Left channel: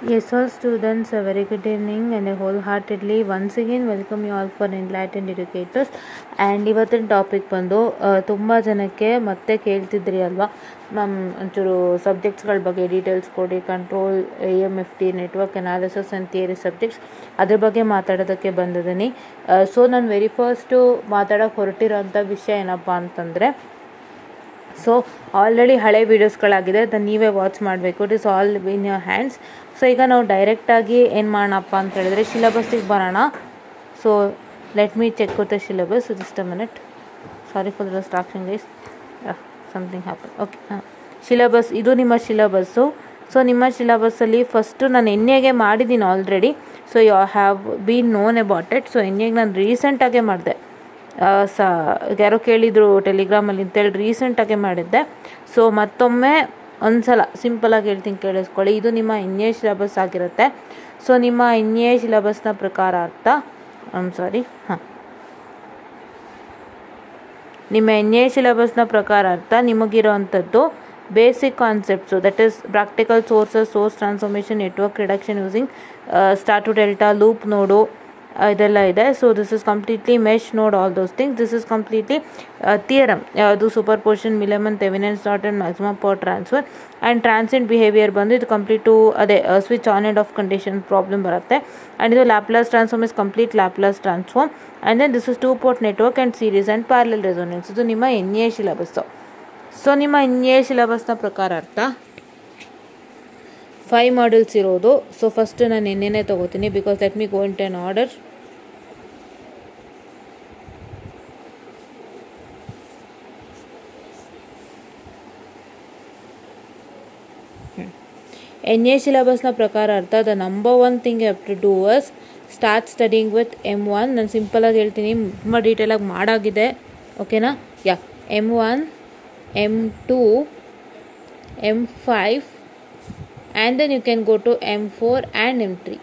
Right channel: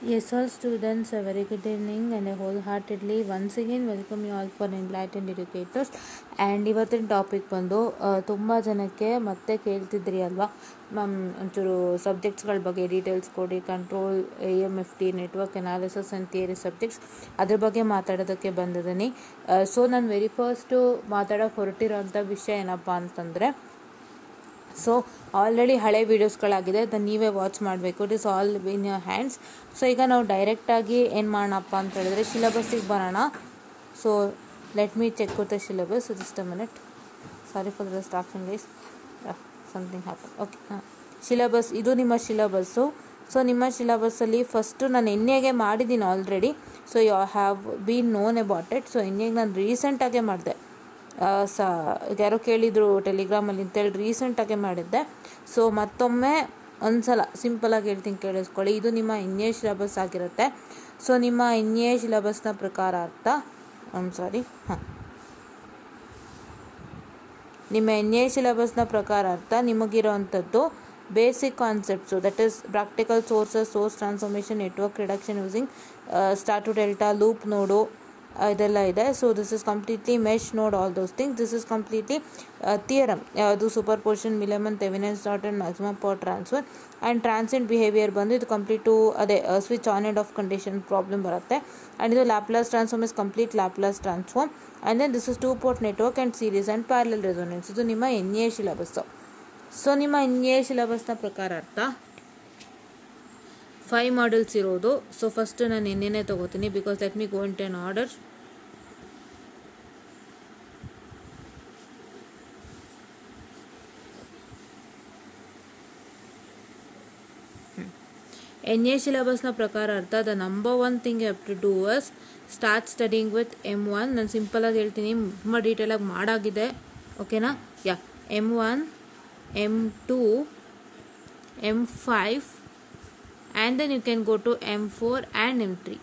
Yes, all students, a very good evening and a wholeheartedly once again welcome you all for Enlightened Educators. And ಇವತ್ತಿನ topic ಬಂದು ತುಂಬ ಜನಕ್ಕೆ ಮತ್ತೆ ಕೇಳ್ತಿದ್ರಿ ಅಲ್ವಾ ma'am ಒಂಚೂರು ಸಬ್ಜೆಕ್ಟ್ಸ್ಗಳ ಬಗ್ಗೆ ಡೀಟೇಲ್ಸ್ ಕೊಡಿ, control, AMFT, network analysis and theory subjects ಅದ್ರ ಬಗ್ಗೆ ಮಾತಾಡೋದಕ್ಕೆ ಬಂದಿದ್ದೀನಿ. ಸೊ ನಾನು ವೆರಿ ಫಸ್ಟು ಮಾತಾಡೋಕ್ಕೆ ಹೊರಟಿರೋಂಥ ವಿಷಯ ಏನಪ್ಪ ಅಂತಂದರೆ, ಸೊ ಆಲ್ರೆಡಿ ಹಳೆ ವೀಡಿಯೋಸ್ಗಳಾಗಿದೆ, ಅದನ್ನು ನೀವೇ ವಾಚ್ ಮಾಡಬೇಕು. It is all in your hands. So ಈಗ ನಾವು ಡೈರೆಕ್ಟಾಗಿ ಏನು ಮಾಡೋಣಪ್ಪ ಅಂತ ಹೇಳಿದ್ರೆ ಸಿಲೆಬಸ್ಸಿಗೆ ಬರೋಣ. So let me check with the syllabus. Just a minute, sorry for the distraction guys, something happen. Okay, syllabus ಇದು ನಿಮ್ಮ ಸಿಲೆಬಸ್ಸು. ಸೊ ನಿಮ್ಮ ಸಿಲೆಬಸ್ಸಲ್ಲಿ ಫಸ್ಟು ನಾನು ಎನ್ಎಗೆ ಮಾಡಿದ್ದೀನಿ already. So you have been known about it. ಸೊ ಎನ್ಎಗೆ ನಾನು ರೀಸೆಂಟಾಗೆ ಮಾಡಿದೆ. ಯಾರೋ ಕೇಳಿದರು ಟೆಲಿಗ್ರಾಮಲ್ಲಿ ಅಂತೇಳಿ ರೀಸೆಂಟಾಗೆ ಮಾಡಿದ್ದೆ. ಸೊ ಮತ್ತೊಮ್ಮೆ ಒಂದು ಸಲ ಸಿಂಪಲಾಗಿ ಹೇಳ್ತೀನಿ, ಕೇಳಿಸ್ಕೊಳ್ಳಿ. ಇದು ನಿಮ್ಮ NA ಸಿಲೆಬಸ್ ಆಗಿರುತ್ತೆ. ಸೊ ನಿಮ್ಮ NA ಸಿಲೆಬಸ್ನ ಪ್ರಕಾರ ಅರ್ಥ ನಿಮ್ಮ NA ಸಿಲೆಬಸ್ನ ಪ್ರಕಾರ ಅರ್ಥ ನಿಮಗಿರೋ ಅಂಥದ್ದು basic concepts, that is practical sources, source transformation, network reduction using star to delta, loop node, ಇದೆಲ್ಲ ಇದೆ. So this is completely mesh node, all those things. This is completely theorem, ಯಾವುದು superposition, Millman, Thevenin's Norton, maximum power transfer and transient behaviour ಬಂದು ಇದು complete to ಅದೇ switch on and of condition problem ಬರುತ್ತೆ. And ಇದು Laplace transform is complete Laplace transform. And then this is 2 port network and series and parallel resonance. ಇದು ನಿಮ್ಮ NA syllabus. So ನಿಮ್ಮ NA ಸಿಲೆಬಸ್ನ ಪ್ರಕಾರ ಅರ್ಥ 5 ಮಾಡ್ಯೂಲ್ಸ್ ಇರೋದು. ಸೊ ಫಸ್ಟ್ ನಾನು NAನೇ ತೊಗೋತೀನಿ, because let me go in ten order. NA ಸಿಲೆಬಸ್ನ ಪ್ರಕಾರ ಅರ್ಥ the number 1 thing you have to do is start studying with M1. ನಾನು ಸಿಂಪಲಾಗಿ ಹೇಳ್ತೀನಿ, ತುಂಬ ಡೀಟೇಲಾಗಿ ಮಾಡಾಗಿದೆ, ಓಕೆನಾ? M1, M2, M5 and then you can go to M4 and M3.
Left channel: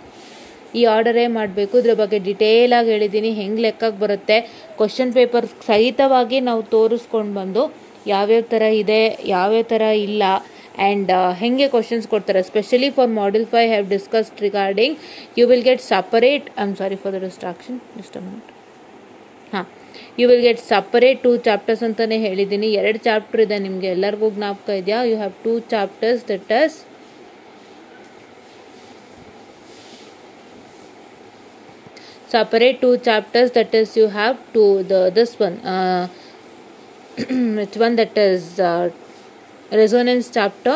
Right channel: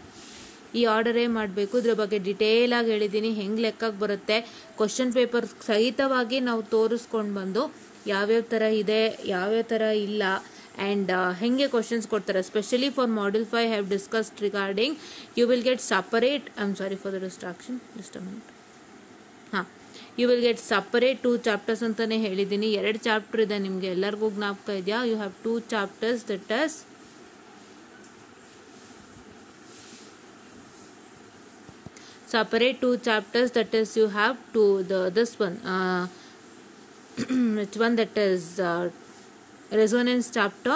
ಈ ಆರ್ಡರೇ ಮಾಡಬೇಕು. ಇದ್ರ ಬಗ್ಗೆ ಡಿಟೇಲಾಗಿ ಹೇಳಿದ್ದೀನಿ, ಹೆಂಗೆ ಲೆಕ್ಕಕ್ಕೆ ಬರುತ್ತೆ, ಕ್ವಶನ್ ಪೇಪರ್ ಸಹಿತವಾಗಿ ನಾವು ತೋರಿಸ್ಕೊಂಡು ಬಂದು ಯಾವ್ಯಾವ ಥರ ಇದೆ, ಯಾವ್ಯಾವ ಥರ ಇಲ್ಲ, ಆ್ಯಂಡ್ ಹೆಂಗೆ ಕ್ವಶನ್ಸ್ ಕೊಡ್ತಾರೆ. Specially for module 5 have discussed regarding you will get separate, I am sorry for the distraction, just a minute. You will get separate 2 chapters ಅಂತಲೇ ಹೇಳಿದ್ದೀನಿ. 2 ಚಾಪ್ಟರ್ ಇದೆ, ನಿಮಗೆ ಎಲ್ಲರಿಗೂ ಜ್ಞಾಪಕ ಇದೆಯಾ? You have 2 chapters, that is separate 2 chapters, that is you have this one which one, that is resonance chapter,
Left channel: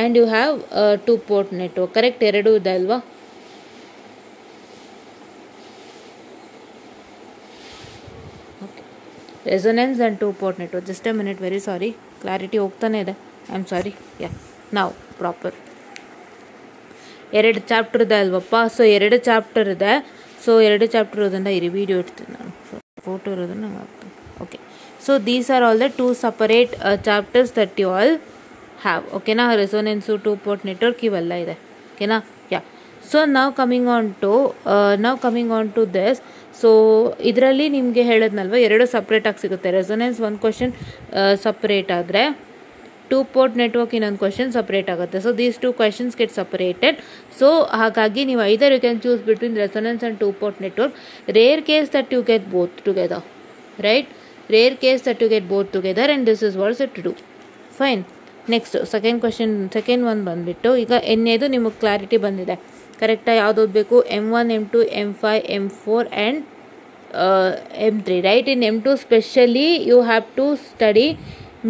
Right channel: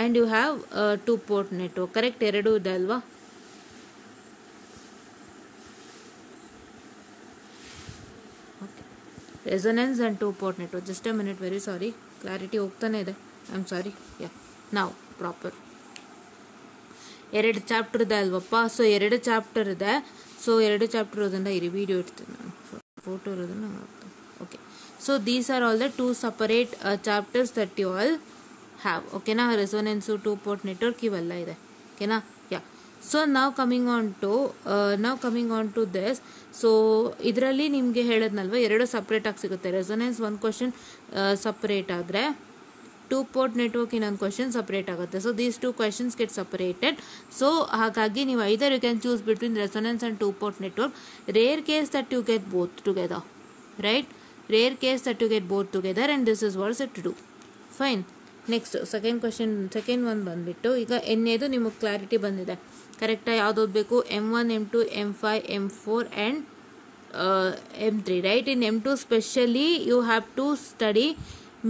and you have 2 port network, correct? ಎರಡು ಇದೆ ಅಲ್ವಾ? okay, resonance and 2 port network. just a minute, very sorry, clarity ಹೋಗ್ತಾನೆ ಇದೆ, I am sorry. now proper. 2 chapter ಇದೆ ಅಲ್ವಪ್ಪ? So 2 chapter ಇದೆ. So 2 chapter ಇರೋದನ್ನ ಇರಿ, ವಿಡಿಯೋ ಇಡ್ತೀನಿ ನಾನು, ಫೋಟೋ ಇರೋದನ್ನ ಹಾಕ್ತೀನಿ. Okay, so these are all the 2 separate chapters that you all have, ಓಕೆನಾ? ರೆಸೋನೆನ್ಸು, 2 ಪೋರ್ಟ್ ನೆಟ್ವರ್ಕ್ ಇವೆಲ್ಲ ಇದೆ, ಓಕೆನಾ? ಸೊ ನಾವು coming on to this. So ಇದರಲ್ಲಿ ನಿಮಗೆ ಹೇಳಿದ್ನಲ್ವ, 2 ಸಪ್ರೇಟಾಗಿ ಸಿಗುತ್ತೆ. ರೆಸೋನೆನ್ಸ್ 1 ಕ್ವಶನ್ ಸಪ್ರೇಟ್ ಆದರೆ 2 ಪೋರ್ಟ್ ನೆಟ್ವರ್ಕ್ ಇನ್ನೊಂದು ಕ್ವಶನ್ ಸಪ್ರೇಟ್ ಆಗುತ್ತೆ. So these 2 questions get separated. So ಹಾಗಾಗಿ ನೀವು either you can choose between resonance and 2 port network. Rare case that you get both together, right? Rare case that you get both together and this is what's it to do. Fine. Next second one ಬಂದುಬಿಟ್ಟು, ಈಗ NAದು ನಿಮಗೆ clarity ಬಂದಿದೆ, ಕರೆಕ್ಟಾಗಿ ಯಾವ್ದು ಓದಬೇಕು? M1, M2, M5, M4 and M3, right? In M2 specially you have to study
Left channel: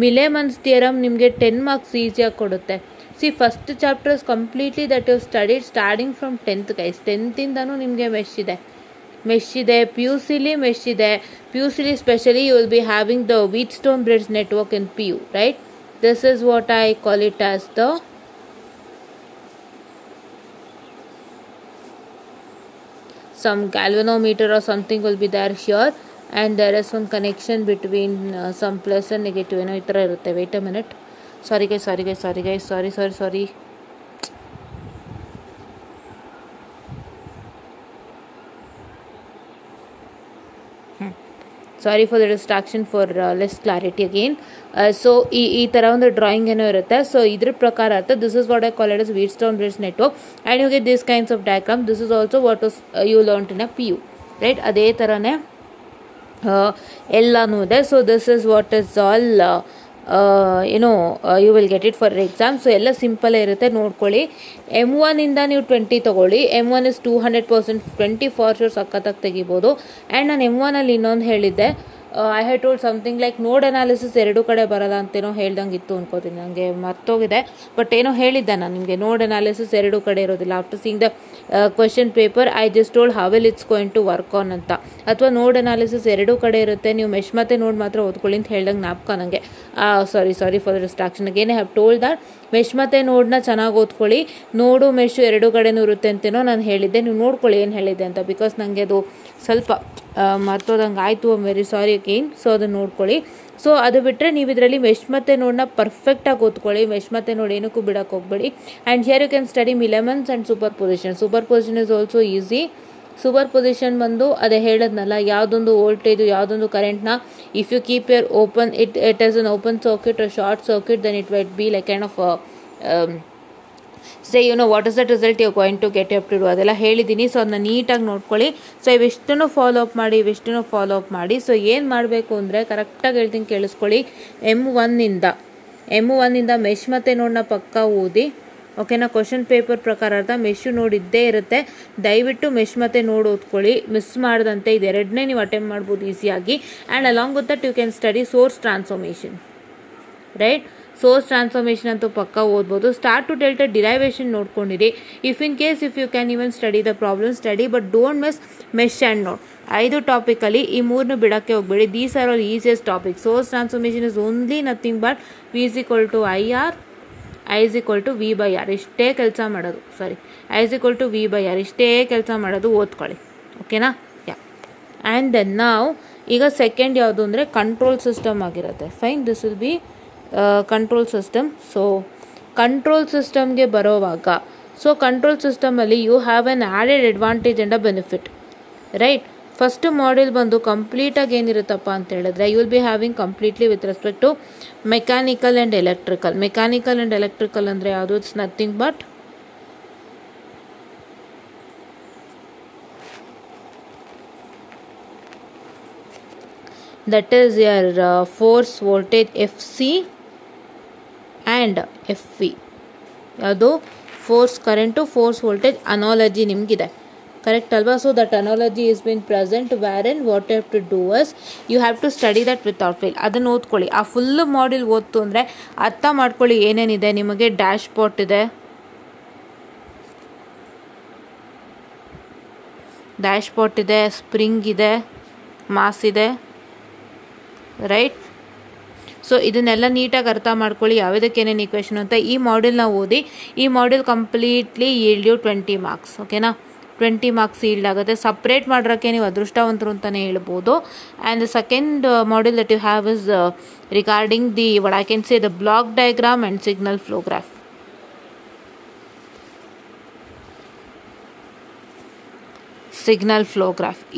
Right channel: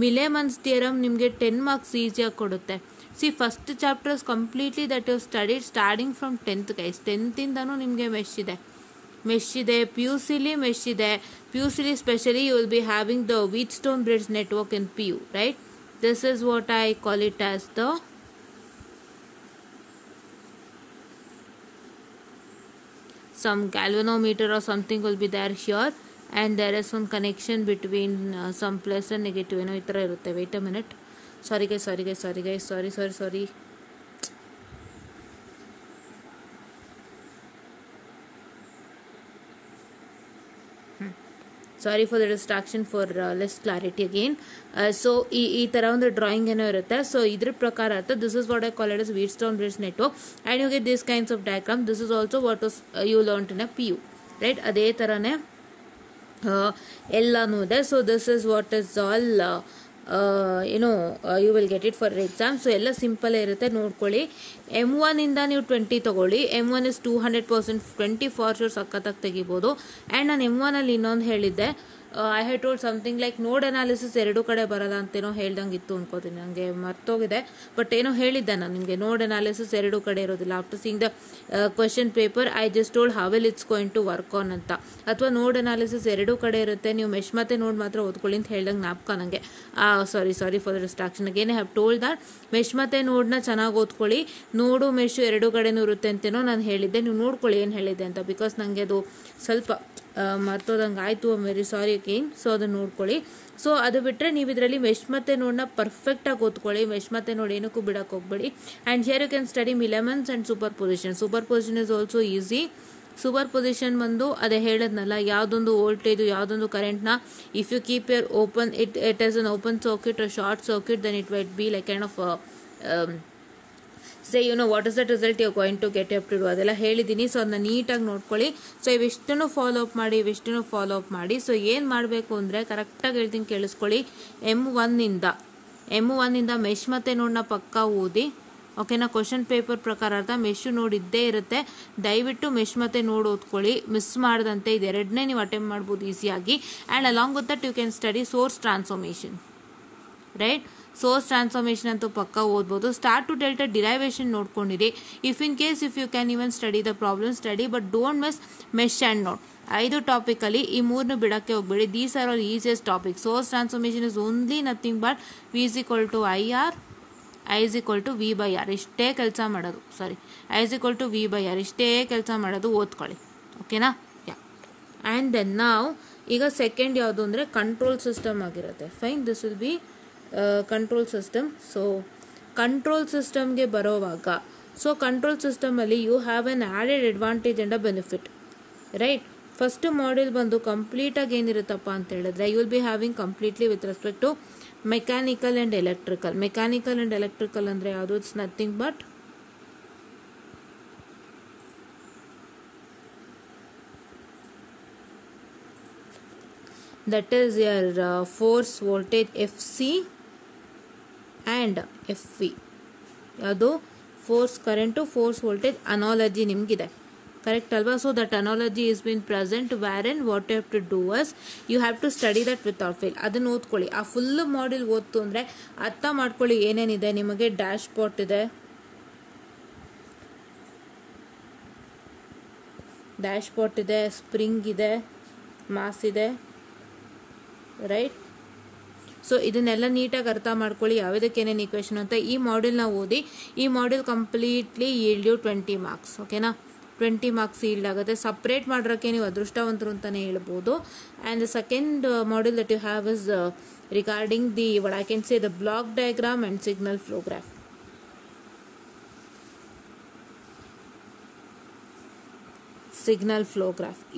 Millman's theorem. ನಿಮಗೆ 10 marks ಈಸಿಯಾಗಿ ಕೊಡುತ್ತೆ. See first chapters completely that you studied starting from 10th guys. 10th ನಿಮಗೆ ಮೆಶ್ ಇದೆ, PUCಲಿ ಮೆಶ್ ಇದೆ. PUCಲಿ specially you will be having the Wheatstone bridge network in PU, right? This is what I call it as the some galvanometer or something will be there here, and there is one connection between some plus and negative, ಏನೋ ಈ ಥರ ಇರುತ್ತೆ. Wait a minute, sorry guys. Sorry for the distraction for less clarity again. So ಈ ಥರ ಒಂದು drawing ಏನೋ ಇರುತ್ತೆ. So ಇದ್ರ ಪ್ರಕಾರ ಅರ್ಥ this is what I call it is Wheatstone bridge network and you get this kinds of diagram. This is also what you learn in a PU, right? ಅದೇ ಥರನೇ ಎಲ್ಲನೂ ಇದೆ. So this is what is all you will get it for exam. So ಎಲ್ಲ ಸಿಂಪಲ್ಲೇ ಇರುತ್ತೆ, ನೋಡ್ಕೊಳ್ಳಿ. M1 ಇಂದ ನೀವು 20 ತೊಗೊಳ್ಳಿ. M1 ಇಸ್ 200%, 20 ಫಾರ್ ಶೋರ್ ಸಖತ್ತಾಗಿ ತೆಗಿಬೋದು. ಆ್ಯಂಡ್ ನಾನು M1 ಅಲ್ಲಿ ಇನ್ನೊಂದು ಹೇಳಿದ್ದೆ, I have told something like ನೋಡ್ ಅನಾಲಿಸಿಸ್ ಎರಡು ಕಡೆ ಬರಲ್ಲ ಅಂತೇನೋ ಹೇಳ್ದಂಗೆ ಇತ್ತು ಅನ್ಕೋತೀನಿ, ನನಗೆ ಮರ್ತೋಗಿದೆ. ಬಟ್ ಏನೋ ಹೇಳಿದ್ದೆ ನಾನು ನಿಮಗೆ, ನೋಡ್ ಅನಾಲಿಸಿಸ್ ಎರಡು ಕಡೆ ಇರೋದಿಲ್ಲ. After seeing the question paper I just told how will it's going to work on ಅಂತ. ಅಥವಾ ನೋಡ್ ಅನಾಲಿಸಿಸ್ ಎರಡು ಕಡೆ ಇರುತ್ತೆ, ನೀವು ಮೆಶ್ ಮತ್ತೆ ನೋಡ್ ಮಾತ್ರ ಓದ್ಕೊಳ್ಳಿ ಅಂತ ಹೇಳ್ದಂಗೆ ಜ್ಞಾಪಕ ನನಗೆ. ಸಾರಿ for the distraction again. I have told that mesh ಮತ್ತೆ ನೋಡ್ನ ಚೆನ್ನಾಗಿ ಓದ್ಕೊಳ್ಳಿ. ನೋಡು ಮೆಶ್ ಎರಡು ಕಡೆನೂ ಇರುತ್ತೆ ಅಂತೇನೋ ನಾನು ಹೇಳಿದ್ದೆ. ನೀವು ನೋಡ್ಕೊಳ್ಳಿ ಏನು ಹೇಳಿದ್ದೆ ಅಂತ, ಬಿಕಾಸ್ ನನಗೆ ಅದು ಸ್ವಲ್ಪ ಮರ್ತೋದಂಗೆ ಆಯಿತು. I am very sorry again. So ಅದನ್ನು ನೋಡ್ಕೊಳ್ಳಿ. ಸೊ ಅದು ಬಿಟ್ಟರೆ ನೀವು ಇದರಲ್ಲಿ ಮೆಶ್ ಮತ್ತೆ ನೋಡ್ನ ಪರ್ಫೆಕ್ಟಾಗಿ ಓದ್ಕೊಳ್ಳಿ. ಮೆಶ್ ಮತ್ತೆ ನೋಡಿ ಏನಕ್ಕೂ ಬಿಡಕ್ಕೆ ಹೋಗ್ಬೇಡಿ. And here you can study Millman's and superposition. Superposition is also easy. Superposition ಬಂದು ಅದೇ ಹೇಳದ್ನಲ್ಲ, ಯಾವುದೊಂದು ವೋಲ್ಟೇಜು ಯಾವುದೊಂದು ಕರೆಂಟ್ನ if you keep your open it as an open circuit or short circuit, then it will be like kind of say what is that result you're going to get up to do, ಅದೆಲ್ಲ ಹೇಳಿದ್ದೀನಿ. So ಅದನ್ನ ನೀಟಾಗಿ ನೋಡ್ಕೊಳ್ಳಿ. So ಇವೆಷ್ಟನ್ನು follow up ಮಾಡಿ. So ಏನು ಮಾಡಬೇಕು ಅಂದರೆ ಕರೆಕ್ಟಾಗಿ ಹೇಳ್ತೀನಿ, ಕೇಳಿಸ್ಕೊಳ್ಳಿ. M1 ಇಂದ ಮೆಶ್ ಮತ್ತೆ ನೋಡ್ನ ಪಕ್ಕ ಓದಿ, ಓಕೆನಾ? ಕ್ವಶನ್ ಪೇಪರ್ ಪ್ರಕಾರ ಅರ್ಥ ಮೆಶ್ ನೋಡಿದ್ದೇ ಇರುತ್ತೆ. ದಯವಿಟ್ಟು ಮೆಶ್ ಮತ್ತೆ ನೋಡ್ ಓದ್ಕೊಳ್ಳಿ, ಮಿಸ್ ಮಾಡದಂತೆ. ಇದೆರಡನ್ನೇ ನೀವು ಅಟೆಂಪ್ಟ್ ಮಾಡ್ಬೋದು ಈಸಿಯಾಗಿ. And along with that you can study source transformation, right? Source transformation ಅಂತೂ ಪಕ್ಕ ಓದ್ಬೋದು. ಸ್ಟಾರ್ ಟು ಡೆಲ್ಟಾ ಡಿರೈವೇಷನ್ ನೋಡ್ಕೊಂಡಿರಿ. If you can even study the problem study, but don't miss mesh and node. 5 topically ಈ 3 ಬಿಡಕ್ಕೆ ಹೋಗ್ಬೇಡಿ. These are all easiest topic. Source transformation is only nothing but V is equal to IR, I is equal to V by R. ಇಷ್ಟೇ ಕೆಲಸ ಮಾಡೋದು. I is equal to V by R. ಇಷ್ಟೇ ಕೆಲಸ ಮಾಡೋದು, ಓದ್ಕೊಳ್ಳಿ. ಓಕೆನಾ? ಯಾ. ಆ್ಯಂಡ್ ದೆನ್ ನಾವು ಈಗ ಸೆಕೆಂಡ್ ಯಾವುದು ಅಂದರೆ ಕಂಟ್ರೋಲ್ ಸಿಸ್ಟಮ್ ಆಗಿರುತ್ತೆ. Fine, this will be control system. So control ಸಿಸ್ಟಮ್ಗೆ ಬರೋವಾಗ, ಸೊ ಕಂಟ್ರೋಲ್ ಸಿಸ್ಟಮಲ್ಲಿ you have an added advantage and a benefit, right? First module ಬಂದು ಕಂಪ್ಲೀಟಾಗಿ ಏನಿರುತ್ತಪ್ಪ ಅಂತ ಹೇಳಿದ್ರೆ, you will be having completely with respect to mechanical and electrical. Mechanical and electrical ಅಂದರೆ ಯಾವುದು? It's nothing but that is your force voltage FC and FV. ಯಾವುದು? Force current, force voltage analogy ನಿಮಗಿದೆ, correct ಅಲ್ವಾ? So that analogy is been present where in what you have to do as you have to study that without fail. ಅದನ್ನು ಓದ್ಕೊಳ್ಳಿ. ಆ full module ಓದ್ತು ಅಂದರೆ ಅರ್ಥ ಮಾಡ್ಕೊಳ್ಳಿ ಏನೇನಿದೆ. ನಿಮಗೆ ಡ್ಯಾಶ್ ಪಾಟ್ ಇದೆ, ಸ್ಪ್ರಿಂಗ್ ಇದೆ, ಮಾಸ್ ಇದೆ, ರೈಟ್? ಸೊ ಇದನ್ನೆಲ್ಲ ನೀಟಾಗಿ ಅರ್ಥ ಮಾಡ್ಕೊಳ್ಳಿ, ಯಾವುದಕ್ಕೆ ಏನೇನು ಈಕ್ವೇಷನ್ ಅಂತ. ಈ ಮಾಡ್ಯೂಲ್ನ ಓದಿ. ಈ module completely yield you 20 marks, ಓಕೆನಾ? 20 ಮಾರ್ಕ್ಸ್ ಈಲ್ಡ್ ಆಗುತ್ತೆ. ಸಪ್ರೇಟ್ ಮಾಡೋಕ್ಕೆ ನೀವು ಅದೃಷ್ಟವಂತರು ಅಂತಲೇ ಹೇಳ್ಬೋದು. And the second module that you have is regarding the what I can say the block diagram and signal flow graph.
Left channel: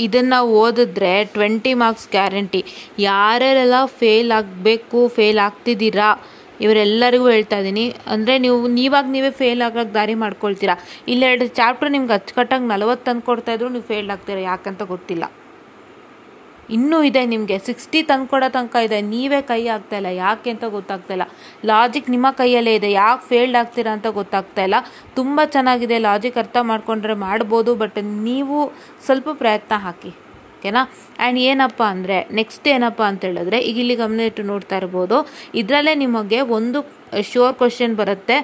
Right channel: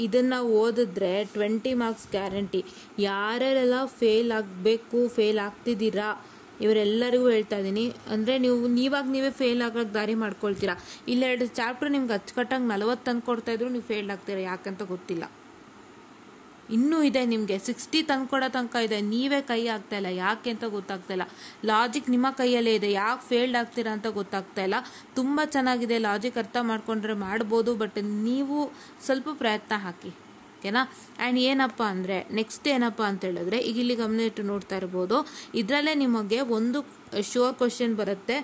ಇದನ್ನು ಓದಿದ್ರೆ 20 ಮಾರ್ಕ್ಸ್ ಗ್ಯಾರಂಟಿ. ಯಾರ್ಯಾರೆಲ್ಲ ಫೇಲ್ ಆಗ್ತಿದ್ದೀರಾ ಇವರೆಲ್ಲರಿಗೂ ಹೇಳ್ತಾ ಇದ್ದೀನಿ. ಅಂದರೆ ನೀವೇ ಫೇಲ್ ಆಗೋಕ್ಕೆ ದಾರಿ ಮಾಡ್ಕೊಳ್ತೀರಾ. ಇಲ್ಲ 2 ಚಾಪ್ಟರ್ ನಿಮ್ಗೆ ಅಚ್ಚುಕಟ್ಟಾಗಿ 40 ತಂದುಕೊಡ್ತಾ ಇದ್ರು ನೀವು ಫೇಲ್ ಆಗ್ತೀರಾ, ಯಾಕಂತ ಗೊತ್ತಿಲ್ಲ. ಇನ್ನೂ ಇದೆ ನಿಮಗೆ 60 ತಂದ್ಕೊಡೋ ತನಕ ಇದೆ, ನೀವೇ ಕೈ ಆಗ್ತಾ ಇಲ್ಲ. ಯಾಕೆ ಅಂತ ಗೊತ್ತಾಗ್ತಾ ಇಲ್ಲ. ಲಾಜಿಕ್ ನಿಮ್ಮ ಕೈಯಲ್ಲೇ ಇದೆ, ಯಾಕೆ ಫೇಲ್ಡ್ ಆಗ್ತೀರಾ ಅಂತ ಗೊತ್ತಾಗ್ತಾ ಇಲ್ಲ. ತುಂಬ ಚೆನ್ನಾಗಿದೆ, ಲಾಜಿಕ್ ಅರ್ಥ ಮಾಡ್ಕೊಂಡ್ರೆ ಮಾಡ್ಬೋದು, ಬಟ್ ನೀವು ಸ್ವಲ್ಪ ಪ್ರಯತ್ನ ಹಾಕಿ, ಓಕೆನಾ? ಆ್ಯಂಡ್ ನೆಕ್ಸ್ಟ್ ಏನಪ್ಪ ಅಂತ ಹೇಳಿದ್ರೆ, ಈಗ ಇಲ್ಲಿ ಗಮನ ಇಟ್ಟು ನೋಡ್ತಾ ಇರ್ಬೋದು, ಇದರಲ್ಲೇ ನಿಮಗೆ ಒಂದು ಶ್ಯೂರ್ ಕ್ವಶನ್ ಬರುತ್ತೆ,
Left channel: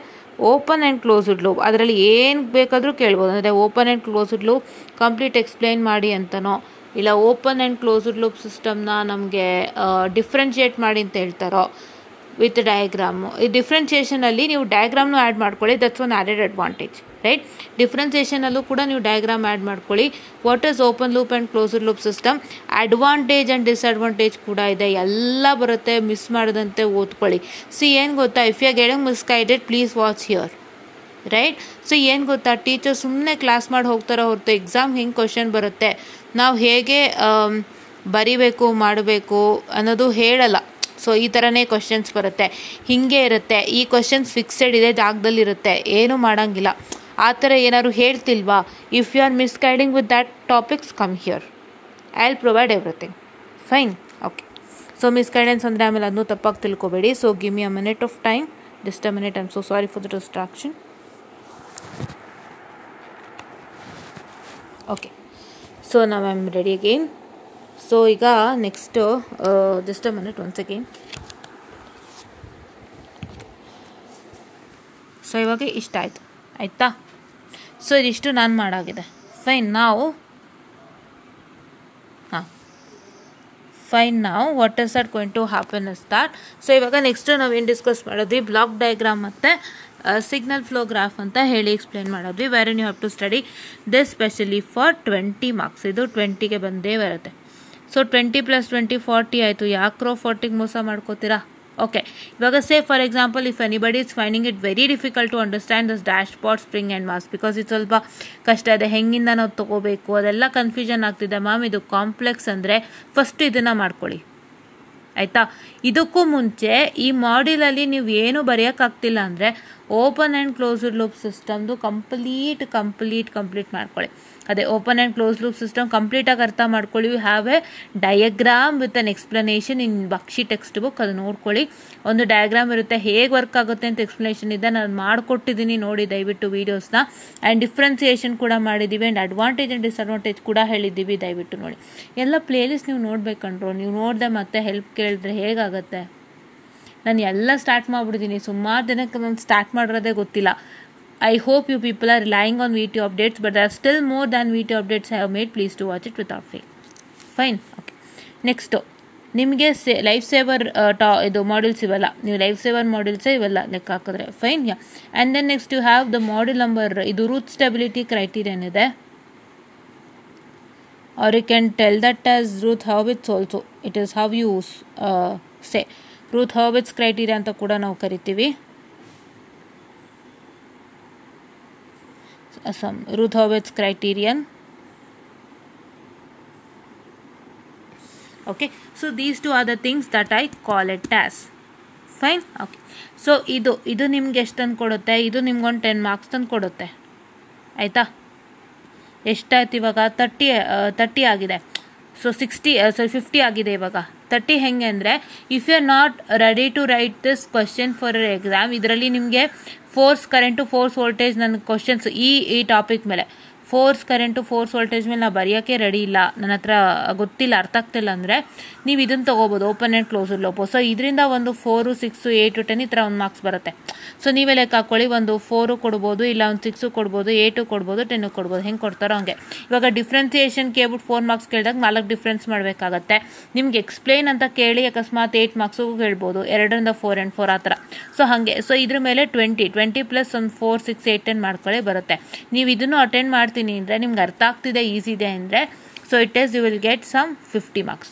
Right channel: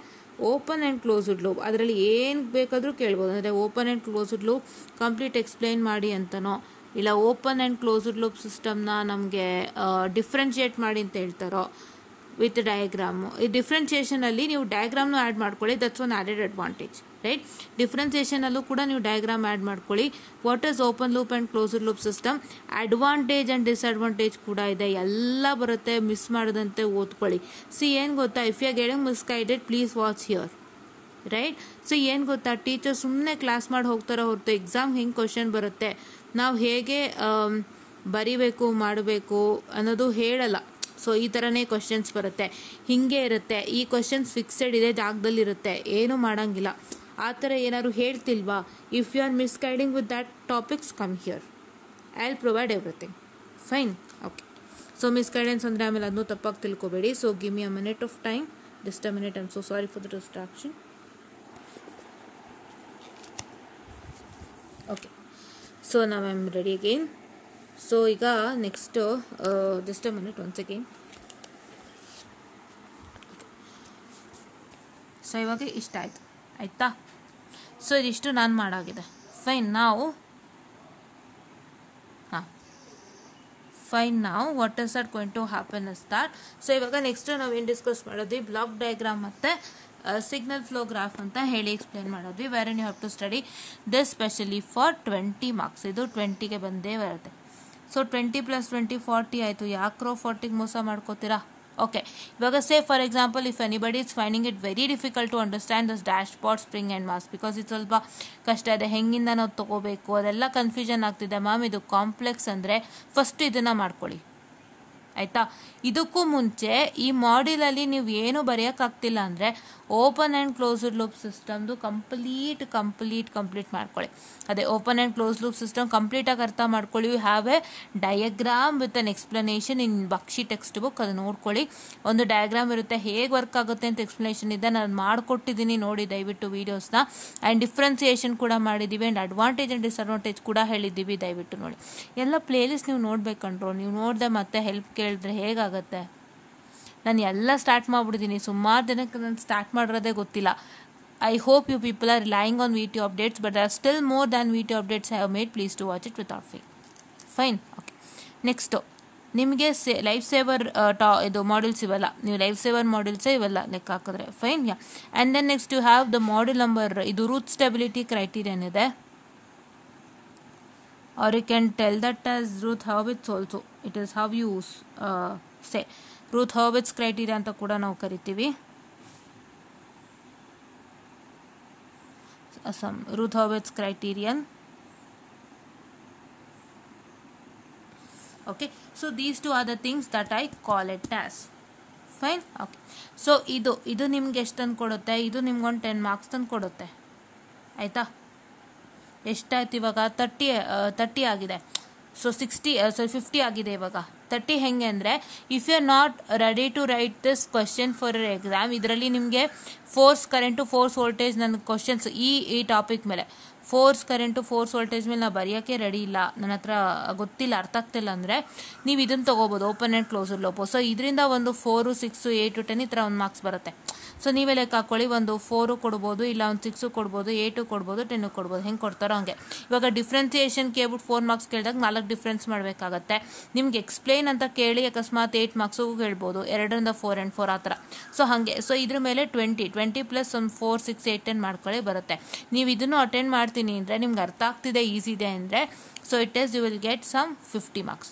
ಓಪನ್ ಆ್ಯಂಡ್ ಕ್ಲೋಸ್ಡ್ ಲೂಪ್. ಅದರಲ್ಲಿ ಏನು ಬೇಕಾದರೂ ಕೇಳ್ಬೋದು. ಅಂದರೆ open and closed loop complete explain ಮಾಡಿ ಅಂತನೋ, ಇಲ್ಲ ಓಪನ್ ಆ್ಯಂಡ್ ಕ್ಲೋಸ್ಡ್ ಲೂಪ್ ಸಿಸ್ಟಮ್ನ ನಮಗೆ ಡಿಫ್ರೆನ್ಷಿಯೇಟ್ ಮಾಡಿ ಅಂತ ಹೇಳ್ತಾರೋ ವಿತ್ ಡಯಾಗ್ರಾಮು. ಈ ಡಿಫ್ರೆನ್ಷಿಯೇಷನಲ್ಲಿ ನೀವು ಡಯಾಗ್ರಾಮ್ನು ಆ್ಯಡ್ ಮಾಡ್ಕೊಳ್ಳಿ, that's one added advantage, right? ಡಿಫ್ರೆನ್ಸಿಯೇಷನಲ್ಲೂ ಕೂಡ ನೀವು ಡಯಾಗ್ರಾಮ್ ಆ್ಯಡ್ ಮಾಡ್ಕೊಳ್ಳಿ. What is open loop and closed loop system, advantage and disadvantage ಕೂಡ ಇದೆ, ಎಲ್ಲ ಬರುತ್ತೆ. ಮಿಸ್ ಮಾಡದಂತೆ ಓದ್ಕೊಳ್ಳಿ. ಏನು ಗೊತ್ತಾ, if you are getting misguided please watch here, right? So ಏನು ಗೊತ್ತಾ, ಟೀಚರ್ ಸುಮ್ಮನೆ ಕ್ಲಾಸ್ ಮಾಡಿ ಹೋಗ್ತಾರೋ ಹೊರತು ಎಕ್ಸಾಮ್ ಹೆಂಗೆ ಕ್ವಶನ್ ಬರುತ್ತೆ, ನಾವು ಹೇಗೆ ಬರಿಬೇಕು ಮಾಡಬೇಕು ಅನ್ನೋದು ಹೇಳಲ್ಲ. ಸೊ ಈ ಥರನೇ ಕ್ವಶನ್ಸ್ ಬರುತ್ತೆ, ಹೀಗೆ ಇರುತ್ತೆ, ಈ ಕ್ವಶನ್ಸ್ ಫಿಕ್ಸೆಡ್ ಇದೆ ಜಾಗದಲ್ಲಿರುತ್ತೆ, ಏನೂ ಮಾಡೋಂಗಿಲ್ಲ. ಆ ಥರ ಏನಾದ್ರು ಹೇಳ್ತಿಲ್ವಾ? If you are misguiding with that topics, come here, I will provide everything. Fine, okay. So misguidance ಅಂದರೆ ಆಮೇಲೆ ಅದನ್ನು ತಪ್ಪಾಗಿ ತಿಳ್ಕೊಬೇಡಿ. So give me a minute of time, just a minute, I am so sorry for the distraction. Okay, so ನಾವು I am ready again. So ಈಗ next just a minute once again. So ಇವಾಗ ಇಷ್ಟ ಆಯಿತು, ಆಯಿತಾ? So ಇದಿಷ್ಟು ನಾನು ಮಾಡಾಗಿದೆ. Fine, ನಾವು ಫೈನ್ ನಾವು what is that going to happen is that. So ಇವಾಗ ನೆಕ್ಸ್ಟ್ ನಾವೇನು ಡಿಸ್ಕಸ್ ಮಾಡಿದ್ವಿ, ಬ್ಲಾಕ್ ಡಯಾಗ್ರಾಮ್ ಮತ್ತು ಸಿಗ್ನಲ್ ಫ್ಲೋ ಗ್ರಾಫ್ ಅಂತ ಹೇಳಿ ಎಕ್ಸ್ಪ್ಲೇನ್ ಮಾಡಿದ್ವಿ. Where you have to study this specially for 20 marks. ಇದು 20ಗೆ ಬಂದೇ ಬರುತ್ತೆ. ಸೊ 20 + 20 40 ಆಯಿತು. ಯಾಕ್ರೋ 40ಗೆ ಮೋಸ ಮಾಡ್ಕೋತೀರಾ? ಓಕೆ, ಇವಾಗ say for example, if anybody is finding it very difficult to understand this dashboard, spring and mass, because ಇದು ಸ್ವಲ್ಪ ಕಷ್ಟ ಇದೆ, ಹೆಂಗಿಂದ ನಾವು ತೊಗೋಬೇಕು ಅದೆಲ್ಲ ಕನ್ಫ್ಯೂಷನ್ ಆಗ್ತಿದೆ ಮ್ಯಾಮ್, ಇದು ಕಾಂಪ್ಲೆಕ್ಸ್ ಅಂದರೆ ಫಸ್ಟ್ ಇದನ್ನು ಮಾಡ್ಕೊಳ್ಳಿ, ಆಯಿತಾ? ಇದಕ್ಕೂ ಮುಂಚೆ ಈ ಮಾಡ್ಯೂಲಲ್ಲಿ ನೀವು ಏನು ಬರೆಯೋಕ್ಕಾಗ್ತಿಲ್ಲ ಅಂದರೆ ಓಪನ್ ಆ್ಯಂಡ್ ಕ್ಲೋಸ್ಡ್ ಲೂಪ್ ಸಿಸ್ಟಮ್ದು ಕಂಪ್ಲೀಟ್ ಮಾಡ್ಕೊಳ್ಳಿ. ಅದೇ open and close loop system ಕಂಪ್ಲೀಟಾಗಿ ಅರ್ಥ ಮಾಡ್ಕೊಳ್ಳಿ. You have a diagram with an explanation in Bakshi text book, ಅದು ನೋಡ್ಕೊಳ್ಳಿ. ಒಂದು ಡಯಾಗ್ರಾಮ್ ಇರುತ್ತೆ, ಹೇಗೆ ವರ್ಕ್ ಆಗುತ್ತೆ ಅಂತ ಎಕ್ಸ್ಪ್ಲನೇಷನ್ ಇದೆ, ನಾನು ಮಾಡಿಕೊಟ್ಟಿದ್ದೀನಿ, ನೋಡಿ ದಯವಿಟ್ಟು ವೀಡಿಯೋಸ್ನ. ಆ್ಯಂಡ್ ಡಿಫ್ರೆನ್ಸಿಯೇಷನ್ ಕೂಡ ಮಾಡಿದ್ದೀವಿ, ಆ್ಯಂಡ್ ಅಡ್ವಾಂಟೇಜ್ ಆ್ಯಂಡ್ ಡಿಸ್ಅಡ್ವಾಂಟೇಜ್ ಕೂಡ ಹೇಳಿದ್ದೀವಿ, ದಯವಿಟ್ಟು ನೋಡಿ. ಎಲ್ಲ ಪ್ಲೇಲಿಸ್ಟ್ ನೀವು ನೋಡ್ಬೇಕಂಡ್ರು, ನೀವು ನೋಡಿದೆ ಮತ್ತೆ ಹೆಲ್ಪ್ ಕೇಳಿದ್ರೆ ಹೇಗಾಗುತ್ತೆ? ನಾನು ಎಲ್ಲ ಸ್ಟಾರ್ಟ್ ಮಾಡಿಬಿಡ್ತೀನಿ, ಸುಮಾರು ದಿನಕ್ಕೆ ನಾನು ಸ್ಟಾರ್ಟ್ ಮಾಡಿರೋದೇ ಗೊತ್ತಿಲ್ಲ. I hope you people are relying on VTO updates, but there are still more than VTO updates I have made. Please do watch it without fail. Fine, okay. Next, ನಿಮಗೆ life saver ಇದು modules ಇವೆಲ್ಲ, ನೀವು life saver ಮಾಡ್ಯೂಲ್ಸೇ ಇವೆಲ್ಲ ಲೆಕ್ಕ ಹಾಕಿದ್ರೆ fine. Yeah, and then next you have the module number, ಇದು Routh stability criterion ಇದೆ, or you can tell that as Routh Hurwitz also. It is how you say Routh Hurwitz criteria ಅಂತ ಕೂಡ ನಾವು ಕರಿತೀವಿ. Some Ruth Hurwitz criterion. Okay, so these two are the things that I call it as. Fine, okay. So ಇದು ನಿಮ್ಗೆ ಎಷ್ಟು ತಂದು ಕೊಡುತ್ತೆ? ಇದು ನಿಮ್ಗೊಂದು 10 ಮಾರ್ಕ್ಸ್ ತಂದು ಕೊಡುತ್ತೆ, ಆಯಿತಾ? ಎಷ್ಟಾಯ್ತು ಇವಾಗ? 30 ಆಗಿದೆ. ಸೊ 50 ಆಗಿದೆ ಇವಾಗ. 30 ಹೆಂಗೆ ಅಂದರೆ, if you are not ready to write this question for exam, ಇದರಲ್ಲಿ ನಿಮಗೆ ಫೋರ್ಸ್ ಕರೆಂಟು ಫೋರ್ಸ್ ವೋಲ್ಟೇಜ್ ನನ್ನ ಕ್ವಶನ್ಸ್ ಈ ಟಾಪಿಕ್ ಮೇಲೆ, ಫೋರ್ಸ್ ಕರೆಂಟು ಫೋರ್ಸ್ ವೋಲ್ಟೇಜ್ ಮೇಲೆ ನಾವು ಬರೆಯೋಕ್ಕೆ ರೆಡಿ ಇಲ್ಲ, ನನ್ನ ಹತ್ರ ಗೊತ್ತಿಲ್ಲ, ಅರ್ಥ ಆಗ್ತಿಲ್ಲ ಅಂದರೆ ನೀವು ಇದನ್ನು ತೊಗೋಬೋದು, open and closed loop. So ಇದರಿಂದ ಒಂದು 4, 6, 8, 10 ಈ ಥರ ಒಂದು ಮಾರ್ಕ್ಸ್ ಬರುತ್ತೆ. ಸೊ ನೀವೇ ಲೆಕ್ಕ ಹಾಕ್ಕೊಳ್ಳಿ, ಒಂದು 4 ಕೊಡ್ಬೋದು, ಇಲ್ಲ ಒಂದು 6 ಕೊಡ್ಬೋದು, 8 ಕೊಡ್ಬೋದು, 10 ಕೊಡ್ಬೋದು, ಹೆಂಗೆ ಕೊಡ್ತಾರೋ ಹಂಗೆ. ಇವಾಗ ಡಿಫ್ರೆನ್ಸಿಯೇಷನ್ ಕೇಳ್ಬಿಟ್ಟು 4 ಮಾರ್ಕ್ಸ್ ಕೇಳಿದಾಗ 4 ಡಿಫ್ರೆನ್ಸ್ ಮಾಡಬೇಕಾಗತ್ತೆ. ನಿಮ್ಗೆ ಎಕ್ಸ್ಪ್ಲೇನ್ ಅಂತ ಕೇಳಿ ಅಕಸ್ಮಾತ್ 8 ಮಾರ್ಕ್ಸಿಗೂ ಕೇಳ್ಬೋದು, 2ರಿಂದ 4 and 4 ಆ ಥರ. ಸೊ ಹಾಗೆ. ಸೊ ಇದ್ರ ಮೇಲೆ 20 ಪ್ಲಸ್ ಒಂದು 4, 6, 8, 10 ಮಾಡ್ಕೊಳ್ಳಿ ಬರುತ್ತೆ. ನೀವು ಇದನ್ನು ಅಟೆಂಡ್ ಮಾಡ್ತೀನಿ ಅಂದರೆ, ನಿಮ್ಗೆ ಅರ್ಥ ಆಗ್ತಿದೆ, ಈಸಿ ಇದೆ ಅಂದರೆ, so it is you will get some 50 marks.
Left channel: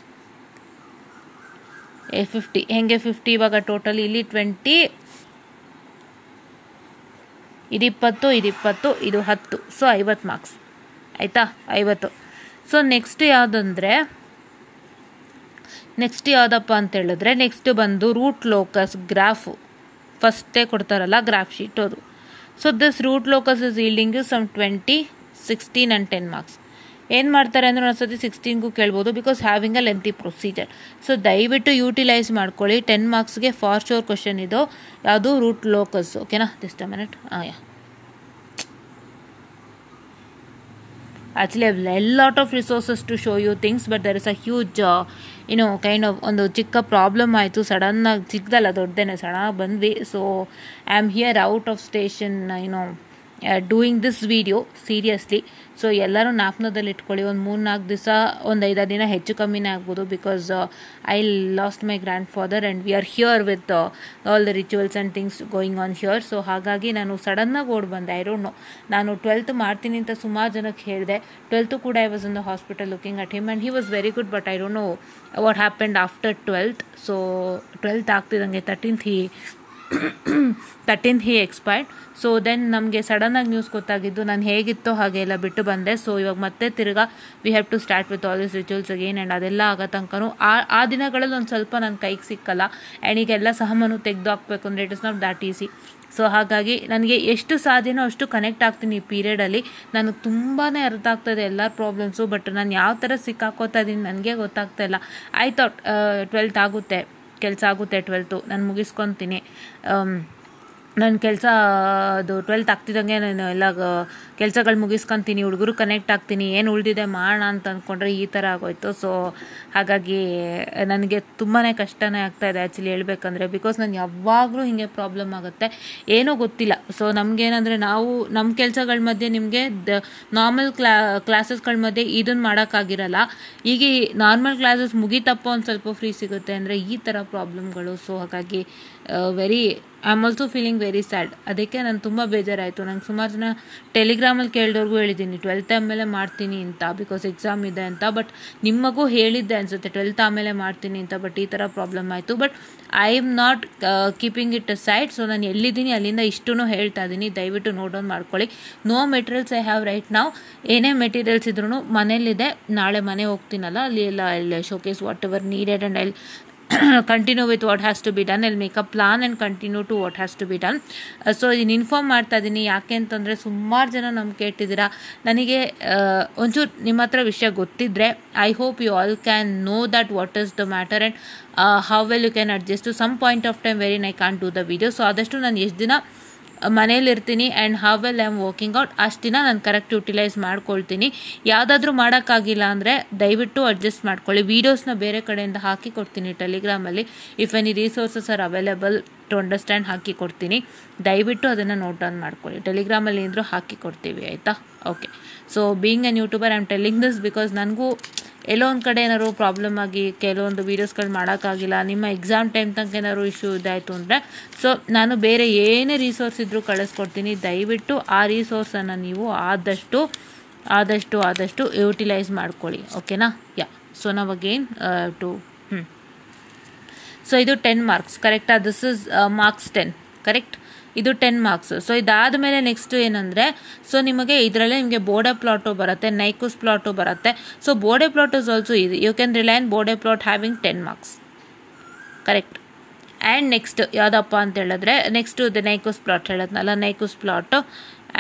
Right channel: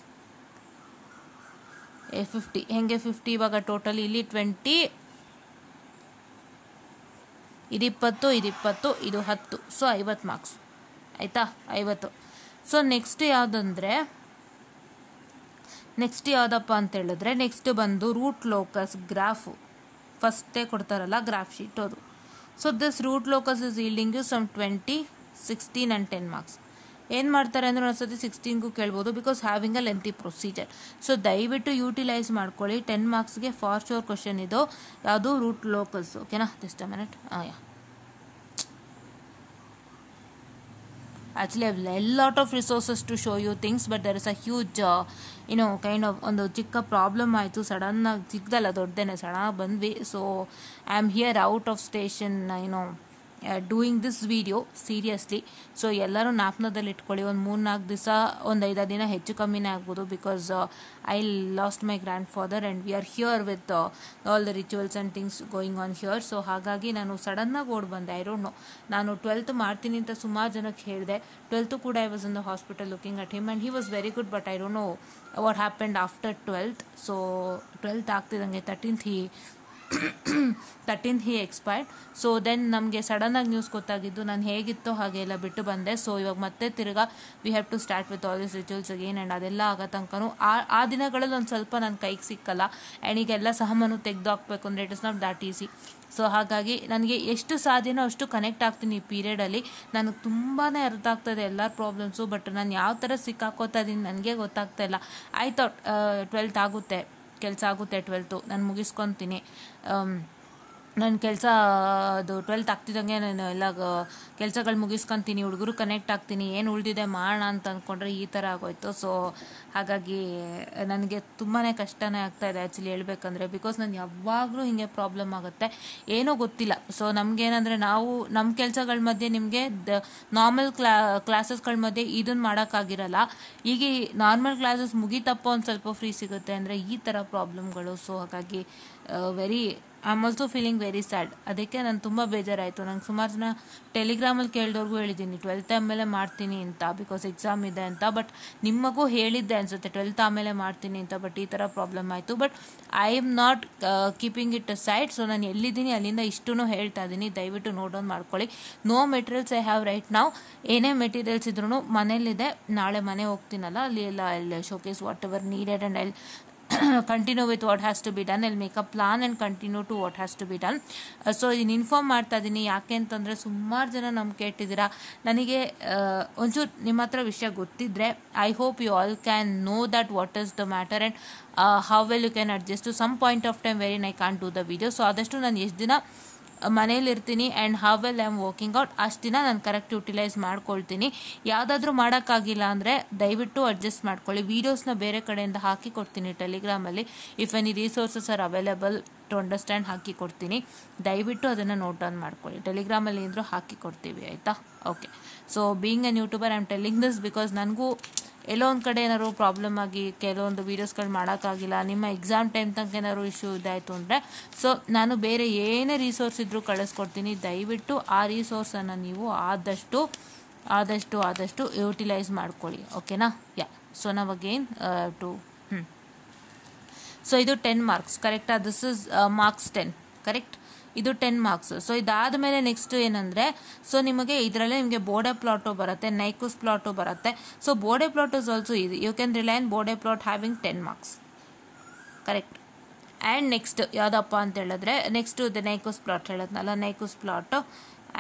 50 ಹೆಂಗೆ 50? ಇವಾಗ ಟೋಟಲ್ ಇಲ್ಲಿ 20, ಇದು 20, ಇದು 20, ಇದು 10, ಸೊ 50 ಮಾರ್ಕ್ಸ್, ಆಯಿತಾ? 50. ಸೊ ನೆಕ್ಸ್ಟ್ ಯಾವುದಪ್ಪ ಅಂತ ಹೇಳಿದ್ರೆ, ನೆಕ್ಸ್ಟ್ ಬಂದು ರೂಟ್ ಲೋಕಸ್ ಗ್ರಾಫು, ಫಸ್ಟೇ ಕೊಡ್ತಾರಲ್ಲ ಗ್ರಾಫ್ ಶೀಟ್ ಅದು. So this root locus is yielding some 20, 16 and 10 marks. ಏನು ಮಾಡ್ತಾರೆ ಅಂದರೆ ಒಂದ್ಸತಿ 16ಗೂ ಕೇಳ್ಬೋದು, because having a lengthy procedure. So ದಯವಿಟ್ಟು ಯೂಟಿಲೈಸ್ ಮಾಡ್ಕೊಳ್ಳಿ. 10 ಮಾರ್ಕ್ಸ್ಗೆ ಫಾರ್ ಶೋರ್ ಕ್ವಶನ್ ಇದು, ಯಾವುದು? Root locus. ಓಕೆನಾ? Just a minute. Yeah, actually I have a lot of resources to show you things, but there is a huge kind of ಒಂದು ಚಿಕ್ಕ problem ಆಯಿತು. ಸಡನ್ನಾಗಿ ಚಿಕ್ಕದಲ್ಲ, ದೊಡ್ಡದೇನೆ, ಸಡನ್ನಾಗಿ ಬಂದ್ವಿ. So I am here out of station, doing this video seriously. So ಎಲ್ಲರೂ ಜ್ಞಾಪನದಲ್ಲಿ ಇಟ್ಕೊಳ್ಳಿ, ಒಂದು 3-4 ದಿವಸ, ಒಂದು 5 ದಿನ ಹೆಚ್ಚು ಕಮ್ಮಿನೇ ಆಗ್ಬೋದು, because I lost my grand father and we are here with all the rituals and things going on here. So ಹಾಗಾಗಿ ನಾನು ಸಡನ್ನಾಗಿ ಓಡಿ ಬಂದೆ. ಐ ಡೋಂಟ್ ನೋ, ನಾನು 12th ಮಾಡ್ತೀನಿ ಅಂತ ಸುಮಾರು ಜನಕ್ಕೆ ಹೇಳಿದೆ. 12th ಕೂಡ I was in the hospital looking at him and he was very good, but I don't know what happened after 12th. So 12th ಆಗ್ತಿದ್ದಂಗೆ 13th 13th he expired. So then ನಮಗೆ ಸಡನ್ನಾಗಿ news ಗೊತ್ತಾಗಿದ್ದು, ನಾನು ಹೇಗಿತ್ತೋ ಹಾಗೆ ಎಲ್ಲ ಬಿಟ್ಟು ಬಂದೆ. ಸೊ ಇವಾಗ ಮತ್ತೆ ತಿರ್ಗಾ we have to start with all this rituals again. And ಅದೆಲ್ಲ ಆಗೋ ತನಕನೂ ಆ ದಿನಗಳಲ್ಲಿ ಒಂದು ಸ್ವಲ್ಪ ನನ್ನ ಕೈಗೆ ಸಿಕ್ಕಲ್ಲ. ಆ್ಯಂಡ್ ಈಗೆಲ್ಲ ಸಾಮಾನು ತೆಗೆದು ಹಾಕಬೇಕು ಅಂದರೆ it is not that easy. So ಹಾಗಾಗಿ ನನಗೆ ಎಷ್ಟು ಸಾಧ್ಯನೋ ಅಷ್ಟು ಕನೆಕ್ಟ್ ಆಗ್ತೀನಿ ಈ ಪೀರಿಯಡಲ್ಲಿ. ನನಗೆ ತುಂಬಾ ಅರ್ಥ ಆಗ್ತಾಯಿದೆ ಎಲ್ಲ ಪ್ರಾಬ್ಲಮ್ಸು. ಬಟ್ ನಾನು ಯಾವ ಥರ ಸಿಕ್ಕಾಕೋತಾ ಇದ್ದೀನಿ ನನಗೆ ಗೊತ್ತಾಗ್ತಾ ಇಲ್ಲ. ಐ ಥಾಟ್ 12th ಆಗುತ್ತೆ, ಕೆಲಸ ಆಗುತ್ತೆ, 12th ನಾನು ಮುಗಿಸ್ಕೊತೀನಿ. ನನ್ನ ಕೆಲಸ ಅದು 12th ಆಗ್ತಿದ್ದಂಗೆ ನಾನು ಎಲ್ಲ ಕೆಲಸಗಳು ಮುಗಿಸ್ಕೊತೀನಿ, ಹುಡುಗರು ಕನೆಕ್ಟ್ ಆಗ್ತೀನಿ, ಏನು ಉಳಿದಿದೆ ಮಾಡೋಣ ಅಂತ ಅಂದ್ಕೊಂಡ್ರೆ ಈ ಥರ ಆಗೋಯ್ತು. ಸೊ ಹಾಗಾಗಿ ನನಗೆ ತುಂಬಾ ಕಷ್ಟನೇ ಆಗ್ತಾಯಿದೆ ಆ್ಯಕ್ಚುಲಿ ಹೇಳ್ಬೇಕಂದ್ರೆ. ಬಿಕಾಸ್ ನಾನು ಯಾವಾಗಲೂ ಹೀಗೆ ಪ್ರಾಬ್ಲಮ್ ಆಗುತ್ತೆ, ಏನೂ ಗೊತ್ತಿಲ್ಲ. ಸೊ ನಮಗೇನಂದರೆ ನಾವು ನಮ್ಮ ಕೆಲಸಗಳ ಮಧ್ಯೆ ನಿಮಗೆ ನಾರ್ಮಲ್ ಕ್ಲಾಸಸ್ಗಳ ಮಧ್ಯೆ ಇದನ್ನು ಮಾಡೋಕ್ಕಾಗಿರಲ್ಲ. ಈಗ ನಾರ್ಮಲ್ ಕ್ಲಾಸಸ್ ಮುಗಿತಪ್ಪ ಒಂದು ಸ್ವಲ್ಪ ಫ್ರೀ ಸಿಗುತ್ತೆ ಅಂದರೆ ಈ ಥರ ಪ್ರಾಬ್ಲಮ್ಗಳು. ಸೊ ಹಾಗಾಗಿ I am also feeling very sad. ಅದಕ್ಕೆ ನಾನು ತುಂಬ ಬೇಜಾರಾಯಿತು. ನಂಗೆ ಸುಮಾರು ಜನ ಟೆಲಿಗ್ರಾಮಲ್ಲಿ ಕೇಳಿದವ್ರಿಗೂ ಹೇಳಿದ್ದೀನಿ 12th ಆಮೇಲೆ ಮಾಡ್ತೀನಿ ಅಂತ, ಬಿಕಾಸ್ ಎಕ್ಸಾಮ್ ಇದೆ ಅಂತ. ಬಟ್ ನಿಮಗೂ ಹೇಳಿದ್ದೆ ಅನಿಸುತ್ತೆ 12th ಆಮೇಲೆ ಮಾಡ್ತೀನಿ ಅಂತ. ಬಟ್ ಈ ಥರ ಪ್ರಾಬ್ಲಮ್ ಆಯಿತು. But I am not keeping it side. So ನಾನು ಎಲ್ಲಿದ್ದೀನಿ ಅಲ್ಲಿಂದ ಇಷ್ಟೂ ಹೇಳ್ತಾ ಇದ್ದೀನಿ, ದಯವಿಟ್ಟು ನೋಟ್ ಡೌನ್ ಮಾಡ್ಕೊಳ್ಳಿ. No materials I have right ನಾವು. ಏನೇ ಮೆಟೀರಿಯಲ್ಸ್ ಇದ್ರೂ ಮನೇಲಿದೆ. ನಾಳೆ ಮನೆ ಹೋಗ್ತೀನಲ್ಲ, ಅಲ್ಲಿ ಎಲ್ಲ I showcase what ever needed and I continue with what has to be done. I'll make a plan and continue to what has to be done. So ಇದನ್ನು inform ಮಾಡ್ತಾ ಇದ್ದೀನಿ. ಯಾಕೆ ಅಂತಂದರೆ ಸುಮಾರು ಜನ ನಮ್ಗೆ ಕೇಳ್ತಿದ್ದೀರಾ. ನನಗೆ ಒಂಚೂರು ನಿಮ್ಮ ಹತ್ರ ವಿಷಯ ಗೊತ್ತಿದ್ದರೆ I hope you all can know that what is the matter and how well you can adjust to some point of time wherein I can't do the video. So ಆದಷ್ಟು ನಾನು ಎಷ್ಟು ದಿನ ಮನೇಲಿರ್ತೀನಿ and how well I am working out ಅಷ್ಟು ದಿನ ನಾನು correct utilise ಮಾಡ್ಕೊಳ್ತೀನಿ. ಯಾವುದಾದ್ರೂ ಮಾಡೋಕ್ಕಾಗಿಲ್ಲ ಅಂದರೆ ದಯವಿಟ್ಟು ಅಡ್ಜಸ್ಟ್ ಮಾಡ್ಕೊಳ್ಳಿ. ವೀಡಿಯೋಸ್ನ ಬೇರೆ ಕಡೆಯಿಂದ ಹಾಕಿ ಕೊಡ್ತೀನಿ ಟೆಲಿಗ್ರಾಮಲ್ಲಿ. If any resources are available to understand ಹಾಕಿ ಕೊಡ್ತೀನಿ. ದಯವಿಟ್ಟು ಅದನ್ನು ನೋಟ್ ಡೌನ್ ಮಾಡ್ಕೊಳ್ಳಿ. ಟೆಲಿಗ್ರಾಮಲ್ಲಿ ಏನಾದರೂ ಹಾಕಿ ಕೊಡ್ತೀವಿ, ಆಯಿತಾ? Okay. So being N YouTuber I am telling this because ನನಗೂ ಎಲ್ಲೋ ಒಂದು ಕಡೆ ಏನಾದ್ರು ಪ್ರಾಬ್ಲಮ್ ಆಗಿ ಕೆಲವೊಂದು ವೀಡಿಯೋಸ್ಗಳು ಮಾಡೋಕ್ಕಾಗಿಲ್ಲ, ನಿಮ್ಮ ಎಕ್ಸಾಮ್ ಟೈಮ್ ತನಕ ಏನಾದ್ರು ಇಶ್ಯೂ ಇದಾಯಿತು ಅಂದರೆ ಸೊ ನಾನು ಬೇರೆ ಏನೇ ರಿಸೋರ್ಸ್ ಇದ್ದರೂ ಕಳಿಸ್ಕೊಡ್ತೀನಿ. ದಯವಿಟ್ಟು ಆ ರಿಸೋರ್ಸನ್ನು ನೀವು ಆದಷ್ಟು ಯುಟಿಲೈಸ್ ಮಾಡ್ಕೊಳ್ಳಿ. ಓಕೆನಾ? ಯಾ. ಸೊ ನಾವು ಅಗೇನ್ ಸೊ ಇದು 10 marks ಕರೆಕ್ಟಾ? This is marks 10 correct. ಇದು 10 marks. ಸೊ ಇದಾದಮೇಲೆ ನೆಕ್ಸ್ಟ್ ಏನಂದರೆ ಸೊ ನಿಮಗೆ ಇದರಲ್ಲೇ ನಿಮಗೆ ಬೋರ್ಡೆ ಪ್ಲಾಟು ಬರುತ್ತೆ, ನೈಕೂಸ್ ಪ್ಲಾಟು ಬರುತ್ತೆ. So Bode plot is also ಇದು. You can rely on Bode plot having 10 marks correct. And next ಯಾವುದಪ್ಪ ಅಂತ ಹೇಳಿದ್ರೆ ನೆಕ್ಸ್ಟು ದ ನೈಕೂಸ್ ಪ್ಲಾಟ್ ಹೇಳೋದ್ನಲ್ಲ, Nyquist plot.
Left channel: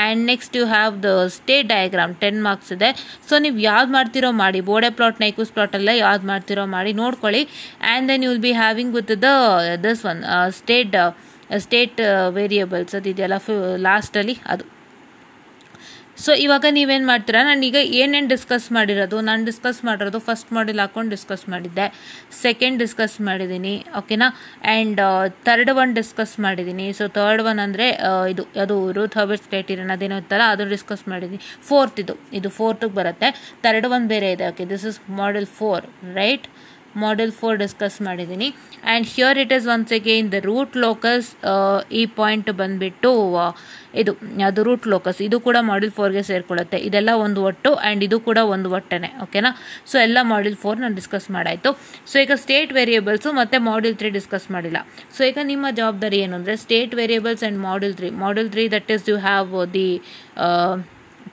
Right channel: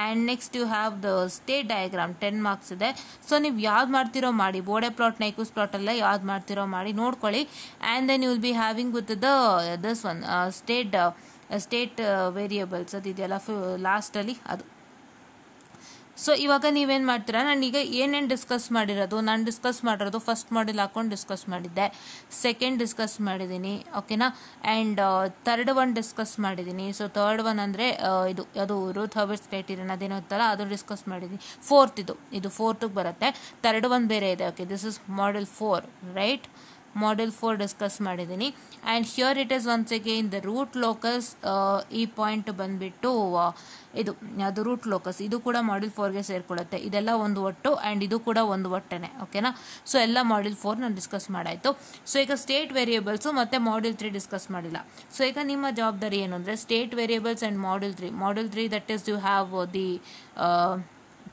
And next you have the state diagram 10 marks ಇದೆ. So ನೀವು ಯಾವ್ದು ಮಾಡ್ತಿರೋ ಮಾಡಿ, ಬೋರ್ಡೆ ಪ್ಲಾಟ್ ನೈಕೂಸ್ ಪ್ಲಾಟಲ್ಲ ಯಾವ್ದು ಮಾಡ್ತಿರೋ ಮಾಡಿ ನೋಡ್ಕೊಳ್ಳಿ. And then you will be having with this one state variables ಅದಿದೆಯಲ್ಲ ಲಾಸ್ಟಲ್ಲಿ ಅದು. ಸೊ ಇವಾಗ ನೀವೇನು ಮಾಡ್ತೀರಾ, ನಾನೀಗ ಏನೇನು ಡಿಸ್ಕಸ್ ಮಾಡಿರೋದು, ನಾನು ಡಿಸ್ಕಸ್ ಮಾಡಿರೋದು ಫಸ್ಟ್ ಮಾಡೆಲ್ ಹಾಕೊಂಡು ಡಿಸ್ಕಸ್ ಮಾಡಿದ್ದೆ, ಸೆಕೆಂಡ್ ಡಿಸ್ಕಸ್ ಮಾಡಿದ್ದೀನಿ, ಓಕೆನಾ? ಆ್ಯಂಡ್ ಥರ್ಡ್ ಒನ್ ಡಿಸ್ಕಸ್ ಮಾಡಿದ್ದೀನಿ. ಸೊ ಥರ್ಡ್ ಒನ್ ಅಂದರೆ ಇದು ಅದು ರೂತ್ ಹರ್ಬರ್ಟ್ಸ್ ಕ್ರೈಟೀರಿಯನ್ ಅದೇನೋ ಇತ್ತಲ್ಲ ಅದು ಡಿಸ್ಕಸ್ ಮಾಡಿದ್ದೀನಿ. ಫೋರ್ತ್ ಇದು ಫೋರ್ತಿಗೆ ಬರುತ್ತೆ. ಥರ್ಡ್ ಒನ್ ಬೇರೆ ಇದೆ. Okay, this is model 4 right. Model 4 discuss ಮಾಡಿದ್ದೀನಿ. And here it is once again the root locus. ಈ ಪಾಯಿಂಟ್ ಬಂದುಬಿಟ್ಟು ಇದು ಅದು ರೂಟ್ ಲೋಕಸ್. ಇದು ಕೂಡ ಮಾಡೆಲ್ 4ಗೆ ಸೇರಿಕೊಳ್ಳುತ್ತೆ. ಇದೆಲ್ಲ ಒಂದು ಒಟ್ಟು ಆ್ಯಂಡ್ ಇದು ಕೂಡ ಒಂದು ಒಟ್ಟನೆ, ಓಕೆನಾ? ಸೊ ಎಲ್ಲ ಮಾಡೆಲ್ 4 ನಾನು ಡಿಸ್ಕಸ್ ಮಾಡಾಯಿತು. ಸೊ ಈಗ ಸ್ಟೇಟ್ ವೇರಿಯೇಬಲ್ಸು ಮತ್ತು ಮಾಡೆಲ್ 3 ಡಿಸ್ಕಸ್ ಮಾಡಿಲ್ಲ. ಸೊ ಈಗ ನಿಮ್ಮ ಜವಾಬ್ದಾರಿ ಏನು ಅಂದರೆ state variables and model 3 that is you have the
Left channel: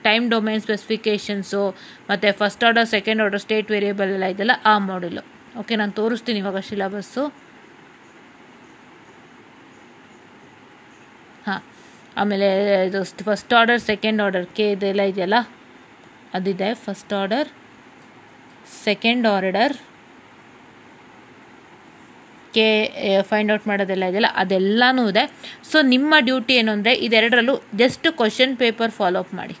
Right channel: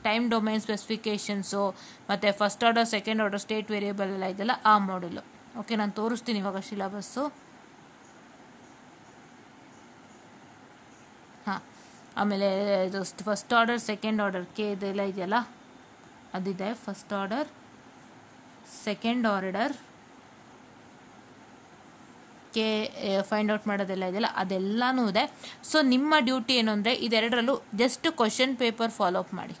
time domain specifications ಮತ್ತು first order second order state variable ಎಲ್ಲ ಇದೆಲ್ಲ ಆ ಮಾಡೆಲು. ಓಕೆ, ನಾನು ತೋರಿಸ್ತೀನಿ ಇವಾಗ ಸಿಲೆಬಸ್ಸು. ಹಾಂ, ಆಮೇಲೆ ಇದು ಫಸ್ಟ್ ಆರ್ಡರ್ ಸೆಕೆಂಡ್ ಆರ್ಡರ್ ಕೆ ಇದೆಲ್ಲ ಇದೆಯಲ್ಲ ಅದಿದೆ. ಫಸ್ಟ್ ಆರ್ಡರ್ ಸೆಕೆಂಡ್ ಆರ್ಡರ್ ಕೆ ಫೈಂಡ್ ಔಟ್ ಮಾಡೋದೆಲ್ಲ ಇದೆಯಲ್ಲ ಅದೆಲ್ಲನೂ ಇದೆ. ಸೊ ನಿಮ್ಮ ಡ್ಯೂಟಿ ಏನು ಅಂದರೆ ಇದೆರಡರಲ್ಲೂ just question paper follow up ಮಾಡಿ.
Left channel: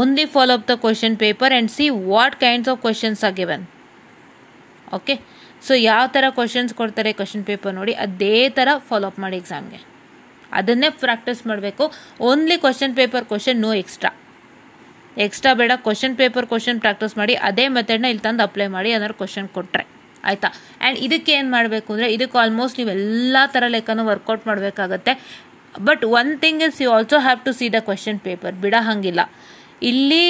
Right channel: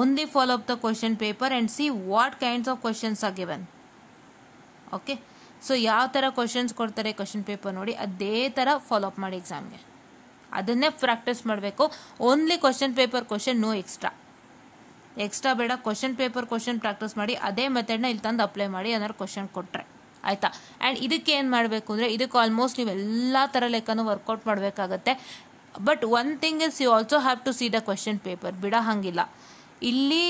Only follow up the question paper and see what kinds of questions are given. Okay, so ಯಾವ ಥರ ಕ್ವಶನ್ಸ್ ಕೊಡ್ತಾರೆ ಕ್ವಶನ್ ಪೇಪರ್ ನೋಡಿ ಅದೇ ಥರ ಫಾಲೋ ಅಪ್ ಮಾಡಿ ಎಕ್ಸಾಮ್ಗೆ. ಅದನ್ನೇ ಪ್ರಾಕ್ಟೀಸ್ ಮಾಡಬೇಕು. Only question paper question, no extra ಬೇಡ. ಕ್ವಶನ್ ಪೇಪರ್ ಕ್ವಶನ್ ಪ್ರಾಕ್ಟೀಸ್ ಮಾಡಿ ಅದೇ ಮೆಥಡ್ನ ಇಲ್ಲಿ ತಂದು ಅಪ್ಲೈ ಮಾಡಿ ಏನಾದ್ರು ಕ್ವಶನ್ ಕೊಟ್ಟರೆ ಆಯಿತಾ. ಆ್ಯಂಡ್ ಇದಕ್ಕೆ ಏನು ಮಾಡಬೇಕು ಅಂದರೆ ಇದಕ್ಕೆ ಆಲ್ಮೋಸ್ಟ್ ನೀವು ಎಲ್ಲ ಥರ ಲೆಕ್ಕನೂ ವರ್ಕೌಟ್ ಮಾಡಬೇಕಾಗತ್ತೆ. But one thing is you also have to see the question paper. ಬಿಡ ಹಾಗಿಲ್ಲ. ಇಲ್ಲಿ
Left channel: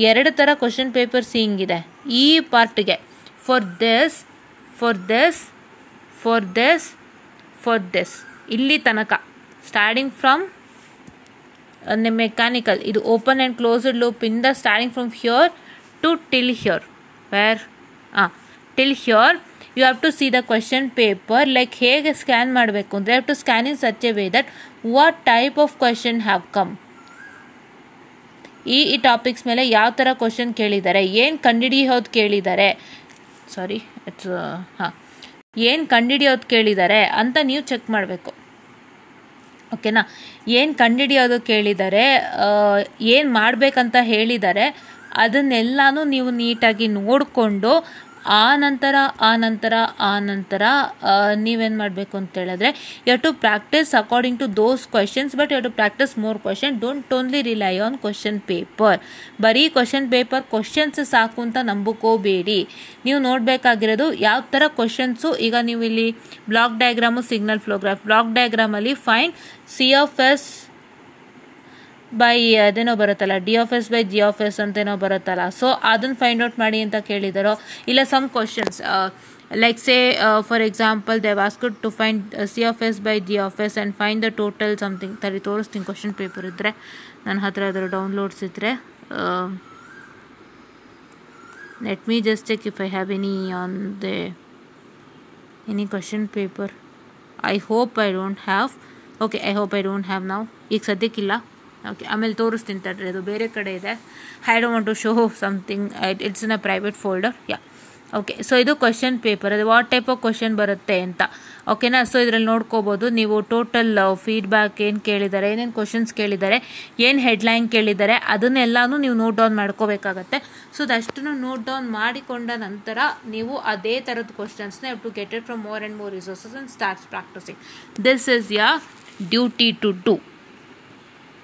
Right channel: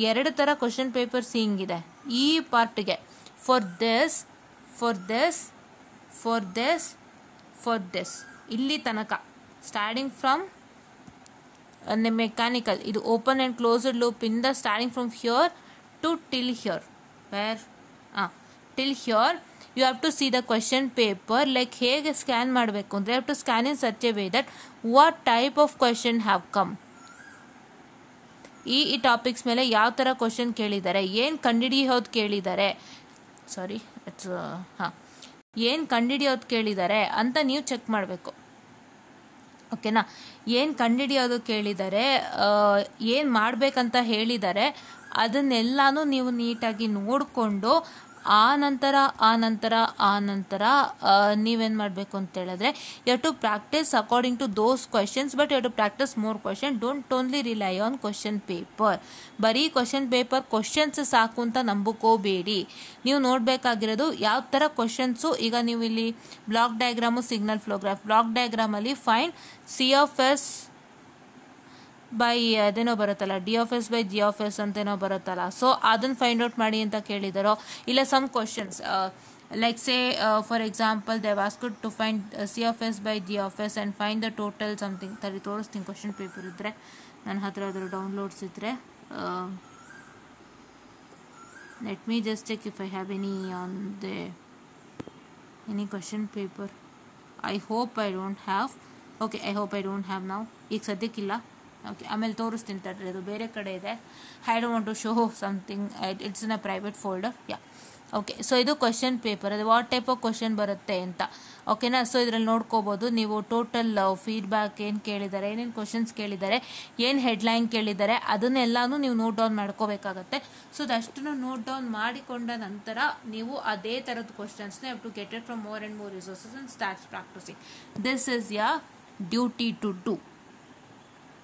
2 ಥರ ಕ್ವಶನ್ ಪೇಪರ್ಸ್ ಹಿಂಗಿದೆ ಈ ಪಾರ್ಟ್ಗೆ. For this for this. ಇಲ್ಲಿ ತನಕ ಸ್ಟಾರ್ಟಿಂಗ್ ಫ್ರಮ್ ಮೆಕ್ಯಾನಿಕಲ್, ಇದು ಓಪನ್ ಆ್ಯಂಡ್ ಕ್ಲೋಸ್ಡ್ ಲೂಪ್ ಇಂದ starting from here to till here, where till here you have to see the question paper. Like ಹೇಗೆ ಸ್ಕ್ಯಾನ್ ಮಾಡಬೇಕು ಅಂದರೆ have to scan in such A way that what type of question have come, ಈ topics ಮೇಲೆ ಯಾವ ಥರ question ಕೇಳಿದ್ದಾರೆ, ಏನು ಕಂಡುಹಿಡಿಯೋದು ಕೇಳಿದ್ದಾರೆ, ಸಾರಿ ಇಟ್ಸ್ ಏನು ಕಂಡುಹಿಡಿಯೋದು ಕೇಳಿದ್ದಾರೆ ಅಂತ ನೀವು ಚೆಕ್ ಮಾಡಬೇಕು. ಓಕೆನಾ, ಏನು ಕಂಡುಹಿಡಿಯೋದು ಕೇಳಿದ್ದಾರೆ, ಏನು ಮಾಡಬೇಕಂತ ಹೇಳಿದ್ದಾರೆ, ಅದನ್ನೆಲ್ಲನೂ ನೀವು ನೀಟಾಗಿ ನೋಡಿಕೊಂಡು ಆ ನಂತರ ನೀವೇನು ಮಾಡಬೇಕು ಅಂತ ಹೇಳಿದ್ರೆ you have to practice according to those questions, but you have to practice more question. Don't only rely on question paper. ಬರೀ ಕ್ವಶನ್ ಪೇಪರ್ ಕ್ವಶನ್ಸ್ ಸಾಕು ಅಂತ ನಂಬಿಕೋಬೇಡಿ. ನೀವು ನೋಡಬೇಕಾಗಿರೋದು ಯಾವ ಥರ ಕ್ವಶನ್ಸು. ಈಗ ನೀವು ಇಲ್ಲಿ block diagram, signal flow graph, block ಡಯಾಗ್ರಾಮಲ್ಲಿ find C of S by ಅದೇನೋ ಬರುತ್ತಲ್ಲ, D of S by G of S ಅಂತೇನೋ ಬರುತ್ತಲ್ಲ, ಸೊ ಅದನ್ನು ಫೈಂಡ್ ಔಟ್ ಮಾಡಿ ಅಂತ ಕೇಳಿದಾರೋ. ಇಲ್ಲ some questions like say for example they have asked to find C of S by G of S and find the total something. ತೋರಿಸ್ತೀನಿ question paper ಇದ್ದರೆ ನನ್ನ ಹತ್ರ, ಅದರ ಡೌನ್ಲೋಡ್ಸ್ ಇದ್ದರೆ. Let me just check if I have any question paper. I hope I don't have. Okay, I hope I don't have ನಾವು. ಈಗ ಸದ್ಯಕ್ಕಿಲ್ಲ. Okay, ಆಮೇಲೆ ತೋರಿಸ್ತೀನಿ ತಡ್ರಿ, ಅದು ಬೇರೆ ಕಡೆ ಇದೆ. I don't want to show something, it's in a private folder. Yeah, okay. So ಇದು ಕ್ವಶನ್ ಪೇಪರ್, ಅದು ವಾಟ್ ಟೈಪ್ ಆಫ್ ಕ್ವಶನ್ ಬರುತ್ತೆ ಅಂತ. ಓಕೆನಾ, ಸೊ ಇದರಲ್ಲಿ ನೋಡ್ಕೋಬೋದು ನೀವು ಟೋಟಲ್ ಫೀಡ್ಬ್ಯಾಕ್ ಏನು ಕೇಳಿದ್ದಾರೆ, ಏನೇನು ಕ್ವಶನ್ಸ್ ಕೇಳಿದ್ದಾರೆ, ಏನು ಹೆಡ್ಲೈನ್ ಕೇಳಿದ್ದಾರೆ, ಅದನ್ನೆಲ್ಲನೂ ನೀವು ನೋಟ್ ಡೌನ್ ಮಾಡ್ಕೋಬೇಕಾಗತ್ತೆ. ಸೊ ಅದಷ್ಟನ್ನು ನೋಟ್ ಡೌನ್ ಮಾಡಿಕೊಂಡ ನಂತರ ನೀವು ಅದೇ ಥರದ ಕ್ವಶನ್ಸ್ನ have to get it from more and more resources and start practising. This is your duty to do.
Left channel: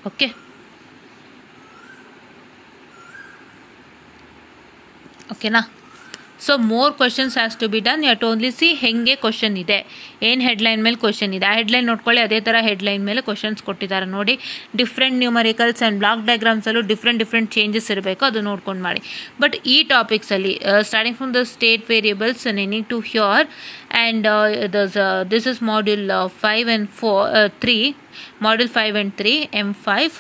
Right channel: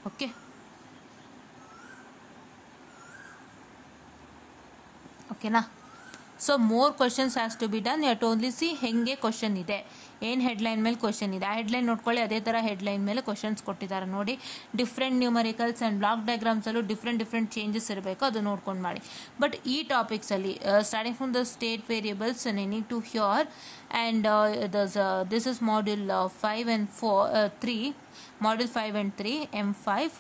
Okay, ಓಕೆನಾ. So more questions has to be done. You have to only see ಹೆಂಗೆ question ಇದೆ, ಏನು headline ಮೇಲೆ question ಇದೆ, ಆ headline ನೋಡ್ಕೊಳ್ಳಿ. ಅದೇ ಥರ ಹೆಡ್ಲೈನ್ ಮೇಲೆ ಕ್ವಶನ್ಸ್ ಕೊಟ್ಟಿದ್ದಾರೆ ನೋಡಿ. ಡಿಫ್ರೆಂಟ್ ನ್ಯೂಮರಿಕಲ್ಸ್ ಆ್ಯಂಡ್ ಬ್ಲಾಕ್ ಡಯಾಗ್ರಾಮ್ಸಲ್ಲೂ ಡಿಫ್ರೆಂಟ್ ಚೇಂಜಸ್ ಇರಬೇಕು, ಅದು ನೋಡ್ಕೊಂಡು ಮಾಡಿ. ಬಟ್ ಈ ಟಾಪಿಕ್ಸಲ್ಲಿ starting from the state variables ನೀನಿಂಗ್ to here and this is module 5 and 3, module 5 and 3 M5.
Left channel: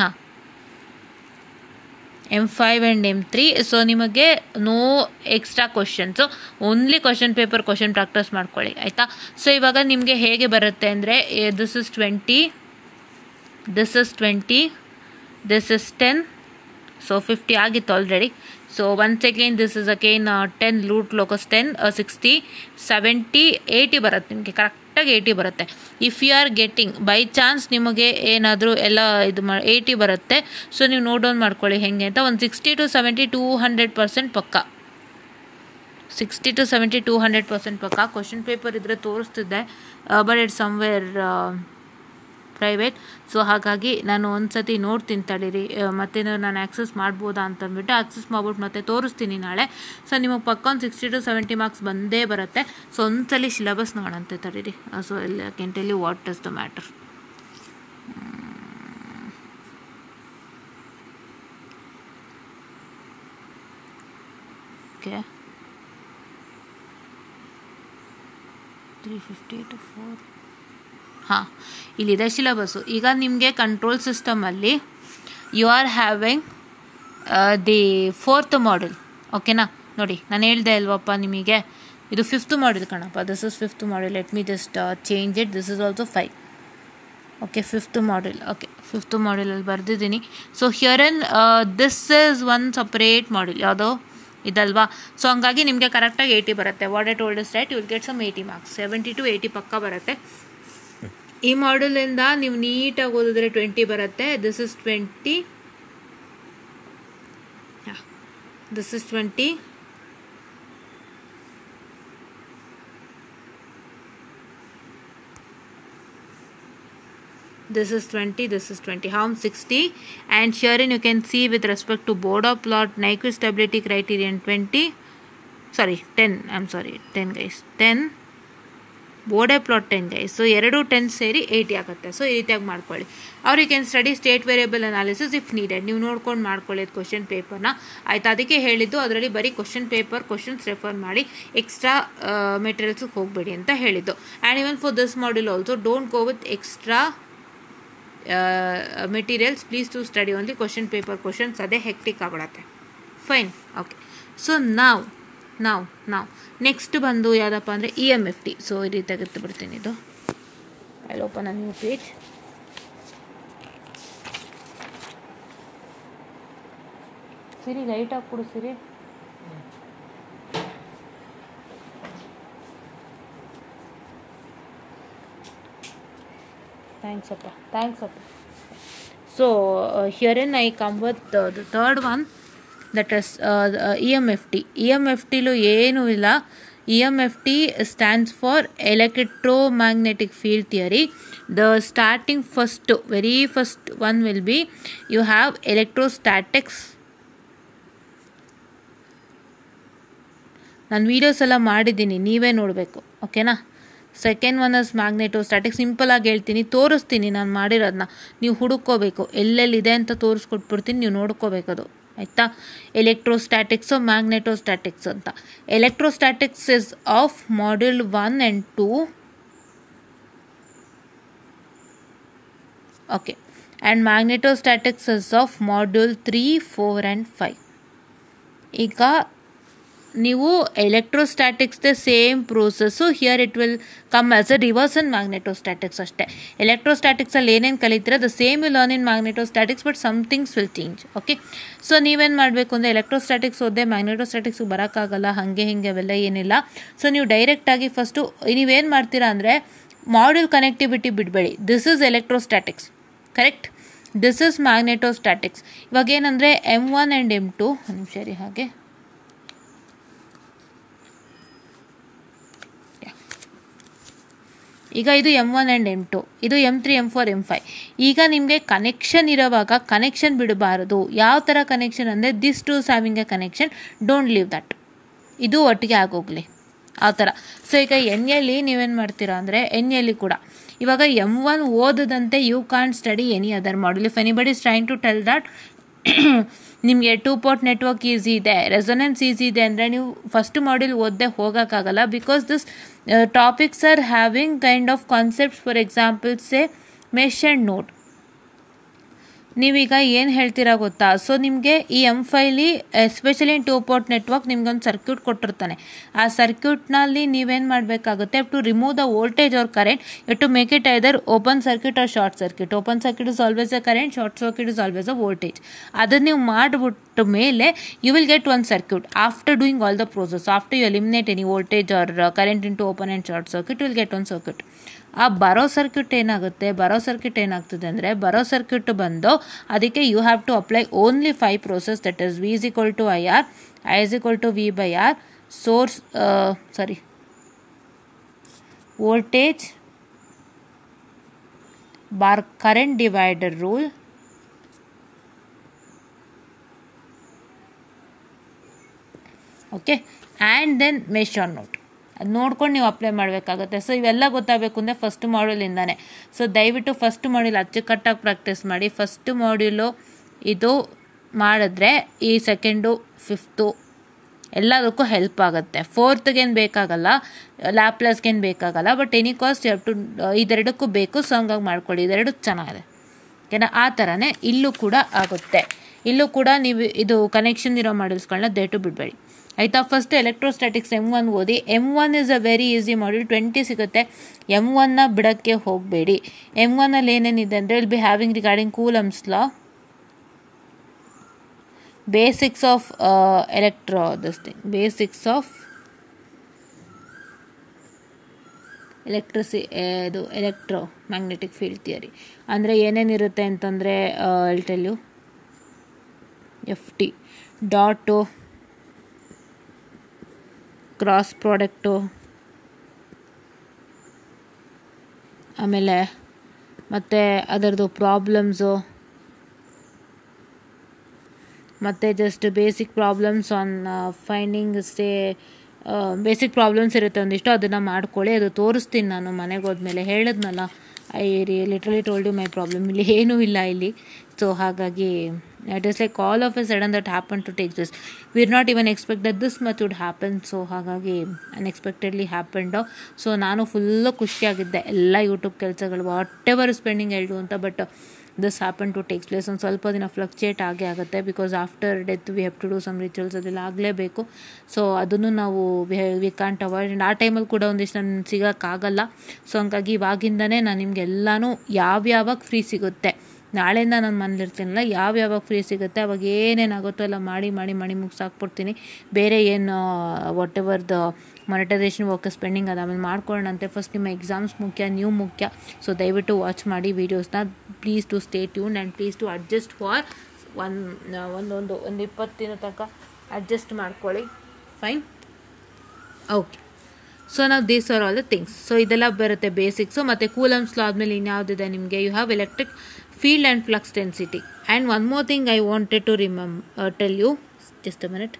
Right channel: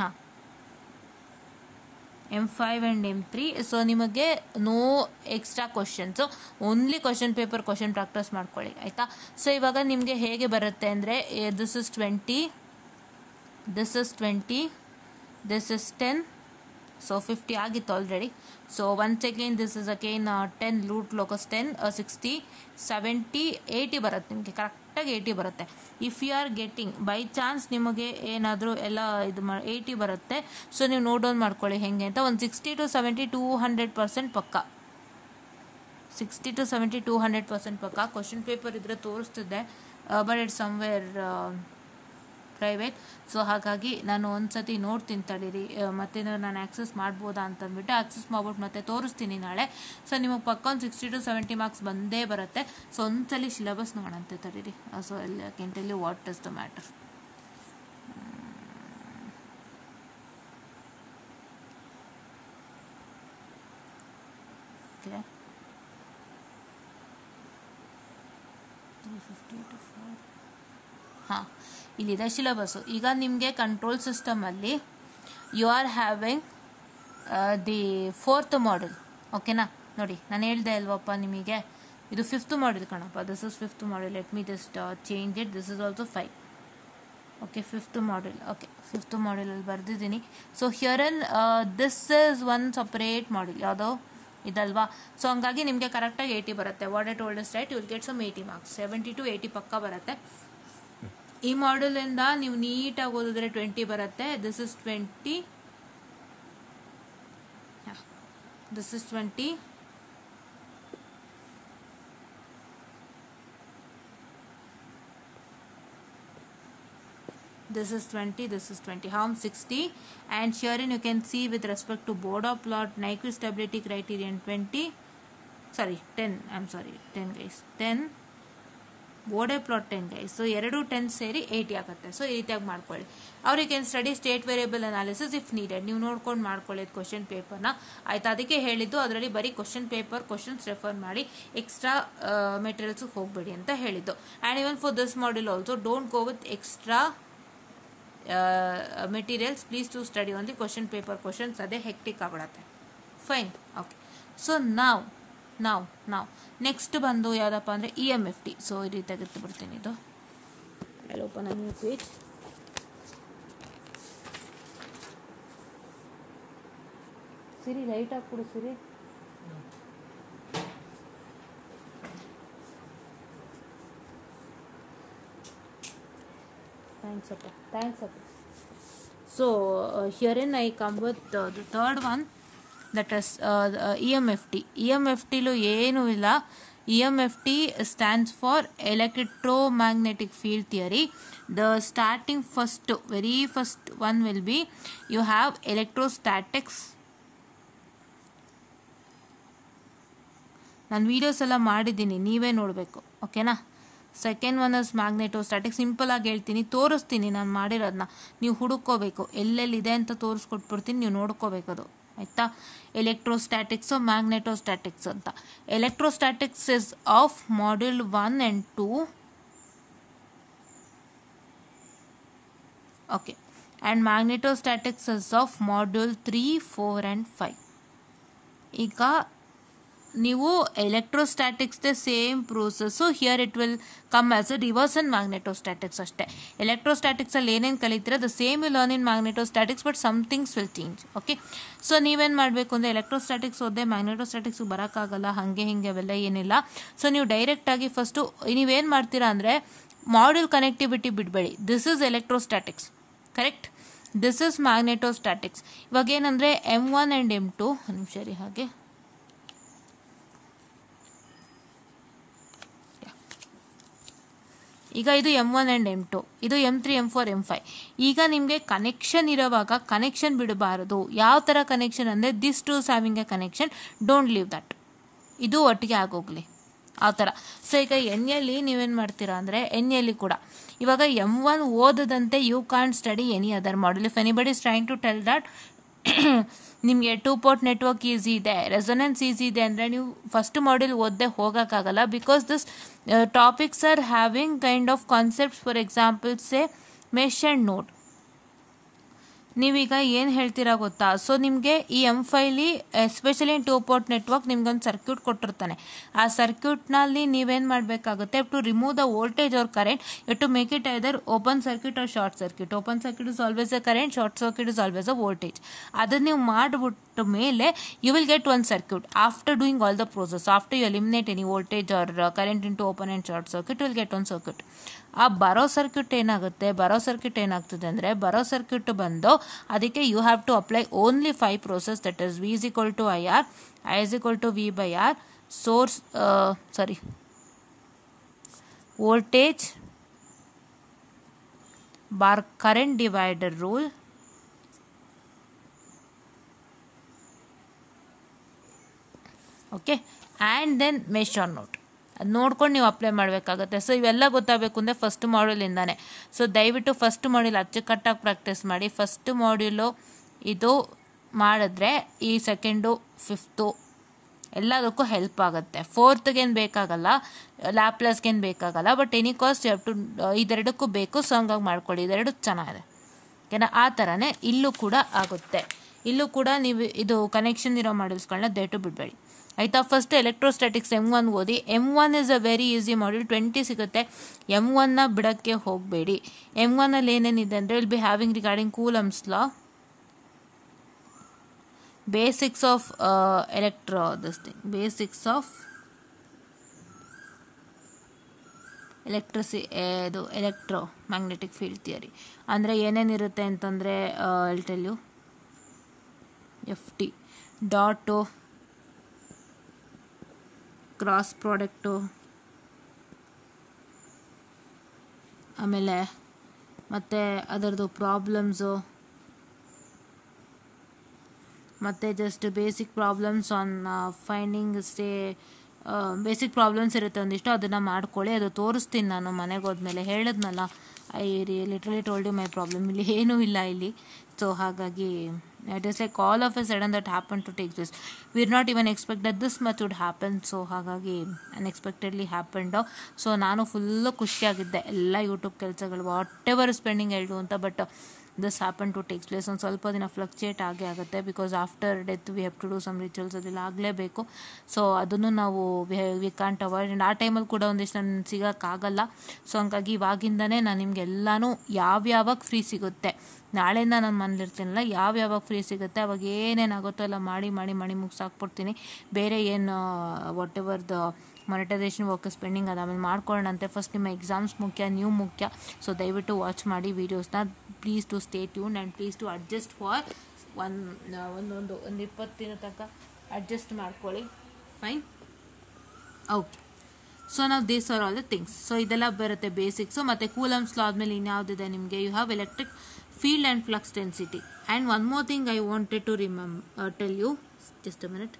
ಹಾಂ, M5 and M3. ಸೊ ನಿಮಗೆ no extra questions, only question paper question practice ಮಾಡ್ಕೊಳ್ಳಿ, ಆಯಿತಾ. ಸೊ ಇವಾಗ ನಿಮಗೆ ಹೇಗೆ ಬರುತ್ತೆ ಅಂದರೆ this is 20, this is 20, this is 10. So 50 ಆಗಿತ್ತು already. So once again this is again 10 root locus 10, 60, 70, 80 ಬರುತ್ತೆ ನಿಮಗೆ. ಕರೆಕ್ಟಾಗಿ 80 ಬರುತ್ತೆ. If you are getting by chance ನಿಮಗೆ ಏನಾದರೂ ಎಲ್ಲ ಇದು 80 ಬರುತ್ತೆ. ಸೊ ನೀವು ನೋಟ್ ಡೌನ್ ಮಾಡ್ಕೊಳ್ಳಿ ಹೆಂಗೆ ಅಂತ. ಒಂದು 60 to 70 200% ಪಕ್ಕ, 60 to 70 200% ಪಕ್ಕ. ಕ್ವಶನ್ ಪೇಪರ್ ಇದ್ದರೆ ತೋರಿಸ್ತಿದ್ದೆ, but it's somewhere private. So ಹಾಗಾಗಿ ನಾನು ಒಂದು ಸತಿ ನೋಡ್ತೀನಿ ತಡೀರಿ, ಮತ್ತೆ ನಾನು ಆ್ಯಕ್ಸಸ್ ಮಾಡ್ಬೋದಾ ಅಂತಂದ್ಬಿಟ್ಟು ಆ್ಯಕ್ಸಸ್ ಮಾಡ್ಬಿಟ್ಟು ಮತ್ತೆ ತೋರಿಸ್ತೀನಿ ನಾಳೆ. ಸೊ ನಿಮಗೆ ಪಕ್ಕ ಒಂದು 60 to 70 ಮಾರ್ಕ್ಸ್ ಬಂದೇ ಬರುತ್ತೆ. ಸೊ ಒಂದ್ಸಲಿ ಸಿಲೆಬಸ್ ನೋಡಂತೆ ತಡೀರಿ. So I can tell you what is the matter. Okay, 350 to 4. ಹಾಂ, ಇಲ್ಲಿದೆ ಸಿಲೆಬಸ್ಸು. ಈಗ ನಿಮಗೆ ಕಂಟ್ರೋಲ್ ಸಿಸ್ಟಮಲ್ಲಿ you are having the 4th module. ಓಕೆನಾ, ನೋಡಿ ನಾನು ಹೇಳ್ದೆ ಅಲ್ವಪ್ಪ ನಿಮಗೆ, ಇದು 5th ಮಾಡ್ಯೂಲ್ ಕಣಪ್ಪ. This is 5th module. Let me just change it. This is also 5. Okay, 5th module. Okay, 5th ಮಾಡ್ಯೂಲಲ್ಲಿ ಬರೆದಿದ್ದೀನಿ. So here in this is one separate module. ಯಾವುದೋ ಇದಲ್ವಾ. ಸೊ ಹಂಗಾಗಿ ನಿಮಗೆ ಕರೆಕ್ಟಾಗಿ 80 ಬರುತ್ತೆ. What I told is right, you will get some 80 marks. 70 to 80 ಪಕ್ಕ ಬರುತ್ತೆ. ಈ ಮಾಡ್ಯೂಲಿಂದ ನೀವು ನೀಟಾಗಿ ಓದಿದ್ರೆ 20 ಬರುತ್ತೆ. This is 20, this is 20, this is 20, this is 20, harm 60. And herein you can see with respect to Borda plot, Nyquist stability criterion 20, sorry 10, I'm sorry 10 guys, 10, Bode plot 10 guys. So 2 10 ಸೇರಿ 80 ಆಗುತ್ತೆ. So ಈ ರೀತಿಯಾಗಿ ಮಾಡ್ಕೊಳ್ಳಿ. ಅವ್ರು can study state variable analysis if needed. ನೀವು ನೋಡ್ಕೊಂಡು ಮಾಡ್ಕೊಳ್ಳಿ question ಪೇಪರ್ನ, ಆಯ್ತು. ಅದಕ್ಕೆ ಹೇಳಿದ್ದು ಅದರಲ್ಲಿ ಬರೀ ಕ್ವಶನ್ ಪೇಪರ್ ಕ್ವಶನ್ಸ್ ರೆಫರ್ ಮಾಡಿ, ಎಕ್ಸ್ಟ್ರಾ ಮೆಟೀರಿಯಲ್ಸ್ಗೆ ಹೋಗಬೇಡಿ ಅಂತ ಹೇಳಿದ್ದು. And even for this module also don't go with extra materials, please to study only question paper questions. ಅದೇ ಹೆಕ್ಟಿಕ್ ಆಗ್ಬಿಡತ್ತೆ. Fine, okay. ಸೊ ನಾವು ನೆಕ್ಸ್ಟ್ ಬಂದು ಯಾವುದಪ್ಪ ಅಂದರೆ EMFT. ಸೊ ಈ ರೀತಿಯಾಗಿ ಬಿಡ್ತೀನಿ. ಇದು I open a new page. Siri light ಆಗಿ ಕೊಡು ಸಿರಿ. ಥ್ಯಾಂಕ್ಸ್ ಅಪ್ಪ. So here in I come with the third one, that is EMFT. EMFTಲು ಏನೂ ಇಲ್ಲ. EMFT stands for electromagnetic field theory. The starting very first one will be, you have electrostatics. ನಾನು videos ಎಲ್ಲ ಮಾಡಿದ್ದೀನಿ, ನೀವೇ ನೋಡಬೇಕು, ಓಕೆನಾ. Second one is magnetostatics. ಸಿಂಪಲಾಗಿ ಹೇಳ್ತೀನಿ, ತೋರಿಸ್ತೀನಿ ನಾನು ಮಾಡಿರೋದನ್ನ, ನೀವು ಹುಡುಕೋಬೇಕು. ಎಲ್ಲೆಲ್ಲಿದೆ ಅಂತ ತೋರಿಸ್ಕೊಟ್ಬಿಡ್ತೀನಿ, ನೀವು ನೋಡ್ಕೋಬೇಕದು, ಆಯಿತಾ. ಎಲೆಕ್ಟ್ರೋಸ್ಟ್ಯಾಟಿಕ್ಸು ಮ್ಯಾಗ್ನೆಟೋಸ್ಟ್ಯಾಟಿಕ್ಸ್ ಅಂತ. Electrostatics is of module 1 and 2. ಓಕೆ. And magnetostatics is of module 3, 4 and 5. ಈಗ ನೀವು ಎಲೆಕ್ಟ್ರೋಸ್ಟ್ಯಾಟಿಕ್ಸ್ದೇ same process. Here it will come as a reverse in magnetostatics ಅಷ್ಟೇ. ಎಲೆಕ್ಟ್ರೋಸ್ಟ್ಯಾಟಿಕ್ಸಲ್ಲಿ ಏನೇನು ಕಲಿತೀರ the same will learn in magnetostatics, but somethings will change. Okay. So ನೀವೇನು ಮಾಡಬೇಕು ಅಂದರೆ ಎಲೆಕ್ಟ್ರೋಸ್ಟ್ಯಾಟಿಕ್ಸ್ ಓದೇ ಮ್ಯಾಗ್ನೆಟೋಸ್ಟ್ಯಾಟಿಕ್ಸ್ಗೆ ಬರೋಕ್ಕಾಗಲ್ಲ, ಹಾಗೆ ಅವೆಲ್ಲ ಏನಿಲ್ಲ. ಸೊ ನೀವು ಡೈರೆಕ್ಟಾಗಿ ಫಸ್ಟು ನೀವೇನು ಮಾಡ್ತೀರಾ ಅಂದರೆ ಮಾಡ್ಯೂಲ್ ಕನೆಕ್ಟಿವಿಟಿ ಬಿಡಬೇಡಿ. This is electrostatics, correct. This is magnetostatics. ಇವಾಗ ಏನಂದರೆ M1 and M2, ಒಂದು ನಿಮಿಷ ರೀ, ಹಾಗೆ ಈಗ ಇದು M1 and M2, ಇದು M3, M4, M5. ಈಗ ನಿಮಗೆ ಕನೆಕ್ಷನ್ ಇರೋವಾಗ ಕನೆಕ್ಷನ್ ಬಿಡಬಾರದು. ಯಾವ ಥರ ಕನೆಕ್ಷನ್ ಅಂದರೆ this to having a connection, don't leave that. ಇದು ಒಟ್ಟಿಗೆ ಆಗೋಗಲಿ ಆ ಥರ. ಸೊ ಈಗ ಎಲ್ಲಿ ನೀವೇನು ಮಾಡ್ತೀರಾ ಅಂದರೆ ಎಲ್ಲಿ ಕೂಡ ಇವಾಗ M1 ಓದದಂತೆ you can't study any other module. If anybody is trying to tell that ನಿಮಗೆ 2 port ನೆಟ್ವರ್ಕ್ ಈಸಿ ಇದೆ, ರೆಸೊನೆನ್ಸ್ ಈಸಿ ಇದೆ ಅಂದರೆ ನೀವು ಫಸ್ಟ್ ಮಾಡ್ಯೂಲ್ ಓದದೆ ಹೋಗೋಕ್ಕಾಗಲ್ಲ. Because this topics are having kind of concepts. For example say mesh and node. ನೀವೀಗ ಏನು ಹೇಳ್ತೀರಾ ಗೊತ್ತಾ? ಸೊ ನಿಮಗೆ ಈ M5ಲಿ ಎಸ್ಪೆಷಲಿ 2 port ನೆಟ್ವರ್ಕ್ ನಿಮ್ಗೊಂದು ಸರ್ಕ್ಯೂಟ್ ಕೊಟ್ಟಿರ್ತಾನೆ. ಆ ಸರ್ಕ್ಯೂಟ್ನಲ್ಲಿ ನೀವೇನು ಮಾಡಬೇಕಾಗುತ್ತೆ, to remove the voltage or current, you to make it either open circuit or short circuit. Open circuit is always a current, short circuit is always a voltage. ಅದನ್ನು ನೀವು ಮಾಡಿಬಿಟ್ಟ ಮೇಲೆ you will get one circuit. After doing all the process, after you eliminate any voltage or current into open and short circuit, you will get one circuit. ಆ ಬರೋ circuit ಏನಾಗ್ತದೆ ಅಂದರೆ ಬರೋ circuit ಬಂದು ಅದಕ್ಕೆ you have to apply only 5 process, that is V is equal to IR, I is equal to V by R, voltage bar current divider rule, okay, and then mesh or node. ಅದು ನೋಡ್ಕೊಂಡು ನೀವು apply ಮಾಡಬೇಕಾಗುತ್ತೆ. ಸೊ ಇವೆಲ್ಲ ಗೊತ್ತಾಗಬೇಕು ಅಂದರೆ first ಮಾಡ್ಯೂಲಿಂದಾನೆ. So ದಯವಿಟ್ಟು ಫಸ್ಟ್ ಮಾಡ್ಯೂಲ್ ಅಚ್ಚುಕಟ್ಟಾಗಿ ಪ್ರಾಕ್ಟೀಸ್ ಮಾಡಿ. ಫಸ್ಟ್ ಮಾಡ್ಯೂಲು ಇದು ಮಾಡಿದ್ರೆ ಈ ಸೆಕೆಂಡು, ಫಿಫ್ತು ಎಲ್ಲದಕ್ಕೂ ಹೆಲ್ಪ್ ಆಗುತ್ತೆ. ಫೋರ್ತ್ಗೇನು ಬೇಕಾಗಲ್ಲ, ಲ್ಯಾಪ್ಲಾಸ್ಗೇನು ಬೇಕಾಗಲ್ಲ. But any cost you have to ಇದೆರಡಕ್ಕೂ ಬೇಕು. ಸೊ ಹಂಗಾಗಿ ಮಾಡ್ಕೊಳ್ಳಿ, ಇದೆರಡು ಚೆನ್ನಾಗಿದೆ. ಓಕೆನಾ? ಆ ಥರನೇ ಇಲ್ಲೂ ಕೂಡ ಆಗುತ್ತೆ. ಇಲ್ಲೂ ಕೂಡ ನೀವು ಇದು ಕನೆಕ್ಷನ್ ಇರೋ ಮಾಡ್ಯೂಲ್ಸ್ಗಳನ್ನ ದಯವಿಟ್ಟು ಬಿಡಬೇಡಿ, ಆಯಿತಾ. ಫಸ್ಟ್ ಎಲೆಕ್ಟ್ರೋಸ್ಟ್ಯಾಟಿಕ್ಸ್ M1 ಓದಿ. M1 is a very easy module, 20 ಸಿಗುತ್ತೆ. M1ನ ಬಿಡೋಕ್ಕೆ ಹೋಗಬೇಡಿ. M1ಅಲ್ಲಿ ಏನೇನಿದೆ ಅಂದರೆ will be having regarding Coulomb's law, basics of basics of ಇದು ಎಲೆಕ್ಟ್ರೋ ಮ್ಯಾಗ್ನೆಟಿಕ್ ಫೀಲ್ಡ್ ಥಿಯರಿ. ಅಂದರೆ ಏನೇನಿರುತ್ತೆ ಅಂತಂದರೆ I'll tell you. FT dot, cross product, ಆಮೇಲೆ ಮತ್ತು ಅದರದ್ದು ಪ್ರಾಬ್ಲಮ್ಸು, ಮತ್ತು just basic problems on finding say basic problems ಇರುತ್ತೆ ಒಂದಿಷ್ಟು, ಅದನ್ನು ಮಾಡ್ಕೊಳ್ಳಿ. ಅದು ತೋರಿಸ್ತೀನಿ ನಾನು ಮನೆಗೆ ಹೋದ್ಮೇಲೆ. ಹೇಳಿದ್ನಲ್ಲ, I literally told you my problem. ಇಲ್ಲಿ ಏನೂ ಇಲ್ಲ ಇಲ್ಲಿ. ಸೊ ಹಾಗಾಗಿ it is like all of a sudden that happen to take this. We are not even expect that this much would happen. So ಹಾಗಾಗಿ ಅನ್ಎಕ್ಸ್ಪೆಕ್ಟೆಡ್ಲಿ ಹ್ಯಾಪನ್ಡ್. ಸೊ ನಾನು full ಖುಷಿಯಾಗಿದ್ದೆ, ಎಲ್ಲ YouTube ಕೆಲಸಗಳು ವಾಟ್ ಎವರ್ ಸ್ಪೆಂಡಿಂಗ್ ಹೇಳ್ದು ಅಂತ. But this happen to takes place. ಒಂದು ಸ್ವಲ್ಪ ದಿನ ಫ್ಲಕ್ಚುಯೇಟ್ ಆಗೇ ಆಗುತ್ತೆ, because after death V have to do some rituals, ಅದೆಲ್ಲ ಆಗಲೇಬೇಕು. ಸೊ ಅದನ್ನು ನಾವು ವಿ ಕಾಂಟ್ ಅವಾಯ್ಡ್. ಆ ಟೈಮಲ್ಲಿ ಕೂಡ ಒಂದಿಷ್ಟು ನಾನು ಸಿಗೋಕ್ಕಾಗಲ್ಲ. ಸೊ ಹಂಗಾಗಿ ಇವಾಗಿಂದನೇ ನಾನು ನಿಮಗೆಲ್ಲನೂ ಯಾವ್ಯಾವಾಗ ಫ್ರೀ ಸಿಗುತ್ತೆ, ನಾಳೆಯಿಂದ ನಾನು ಮನೇಲಿರ್ತೀನಲ್ಲ, ಯಾವ್ಯಾವಾಗ ಫ್ರೀ ಸಿಗುತ್ತೆ ಅವಾಗ ಏನೇನಾಗುತ್ತೋ ಎಲ್ಲ ಮಾಡಿ ಮುಗಿಸಾಕ್ಬಿಡ್ತೀನಿ. ಬೇರೆ ಏನು what ever the monetisation work spending ಅದು ಆಮೇಲೆ ಮಾಡ್ಕೊಳ್ಳೋಣಂತೆ. ಫಸ್ಟ್ ನಿಮ್ಮ ಎಕ್ಸಾಮ್ಸ್ ಮುಖ್ಯ, ನೀವು ಮುಖ್ಯ. ಸೊ ದಯವಿಟ್ಟು ವಾಚ್ ಮಾಡಿ ವೀಡಿಯೋಸ್ನ. Please to stay tune and please to adjust for ಒಂದು 20 ದಿನ ತನಕ ಅಡ್ಜಸ್ಟ್ ಮಾಡ್ಕೊಳ್ಳಿ. Fine, okay. ಸೊ ನಾವು these are all the things. So ಇದೆಲ್ಲ ಬರುತ್ತೆ ಬೇಸಿಕ್ಸು. ಮತ್ತು ಕೂಲಮ್ಸ್ ಲಾ ಆದಮೇಲೆ ಇನ್ಯಾವುದಿದೆ ನಿಮಗೆ? You have electric field and flux density. And one more thing I wanted to tell you, just a minute.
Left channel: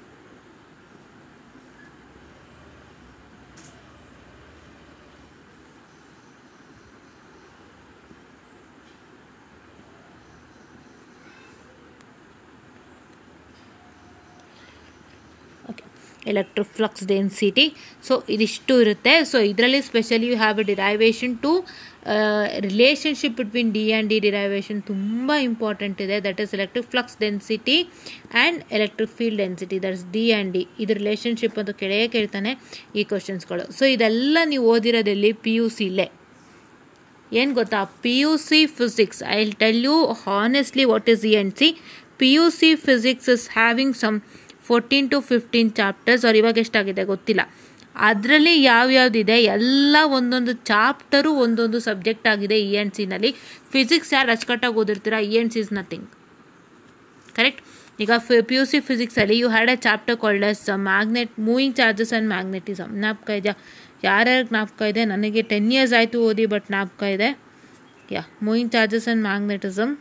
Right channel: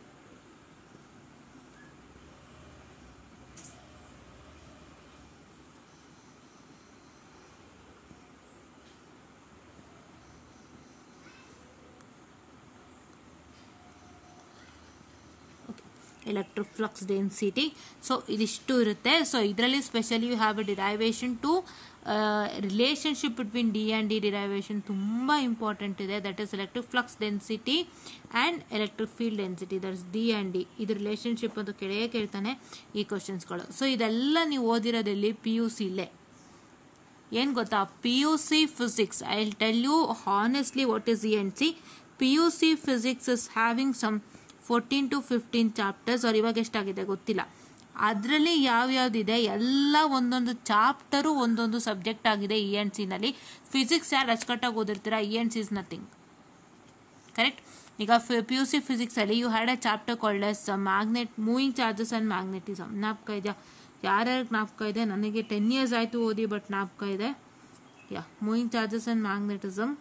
Okay, electric flux density. So ಇದಿಷ್ಟು ಇರುತ್ತೆ. So ಇದರಲ್ಲಿ specially you have a derivation to relationship between D and D derivation ತುಂಬ important ಇದೆ. That is electric flux density and electric field density. That is D and D. ಇದು relationship ಅಂತ ಕೇಳ್ತಾನೆ ಈ ಕ್ವಶನ್ಸ್ಗಳು. So ಇದೆಲ್ಲ ನೀವು ಓದಿರೋದಲ್ಲಿ PUCಲೇ. ಏನು ಗೊತ್ತಾ, PUC physics. I will tell you honestly what is ENC. PUC physics is having some 14 to 15 chapters. ಅವ್ರು ಇವಾಗ ಎಷ್ಟಾಗಿದೆ ಗೊತ್ತಿಲ್ಲ. ಅದರಲ್ಲಿ ಯಾವ್ಯಾವ್ದಿದೆ ಎಲ್ಲ ಒಂದೊಂದು ಚಾಪ್ಟರು ಒಂದೊಂದು ಸಬ್ಜೆಕ್ಟ್ ಆಗಿದೆ ENCನಲ್ಲಿ. ಫಿಸಿಕ್ಸ್ ಯಾರು ಅಚ್ಚುಕಟ್ಟಾಗಿ ಓದಿರ್ತೀರಾ, ENC ಇಸ್ ನಥಿಂಗ್. ಕರೆಕ್ಟ್. ಈಗ PUC ಫಿಸಿಕ್ಸಲ್ಲಿ you had a chapter called as magnet moving charges and magnetism. ಜ್ಞಾಪಕ ಇದೆಯಾ? ಯಾರ್ಯಾರು ಜ್ಞಾಪಕ ಇದೆ? ನನಗೆ 10 years ಆಯಿತು ಓದಿ, ಬಟ್ ಜ್ಞಾಪಕ ಇದೆ. Moving charges and magnetism.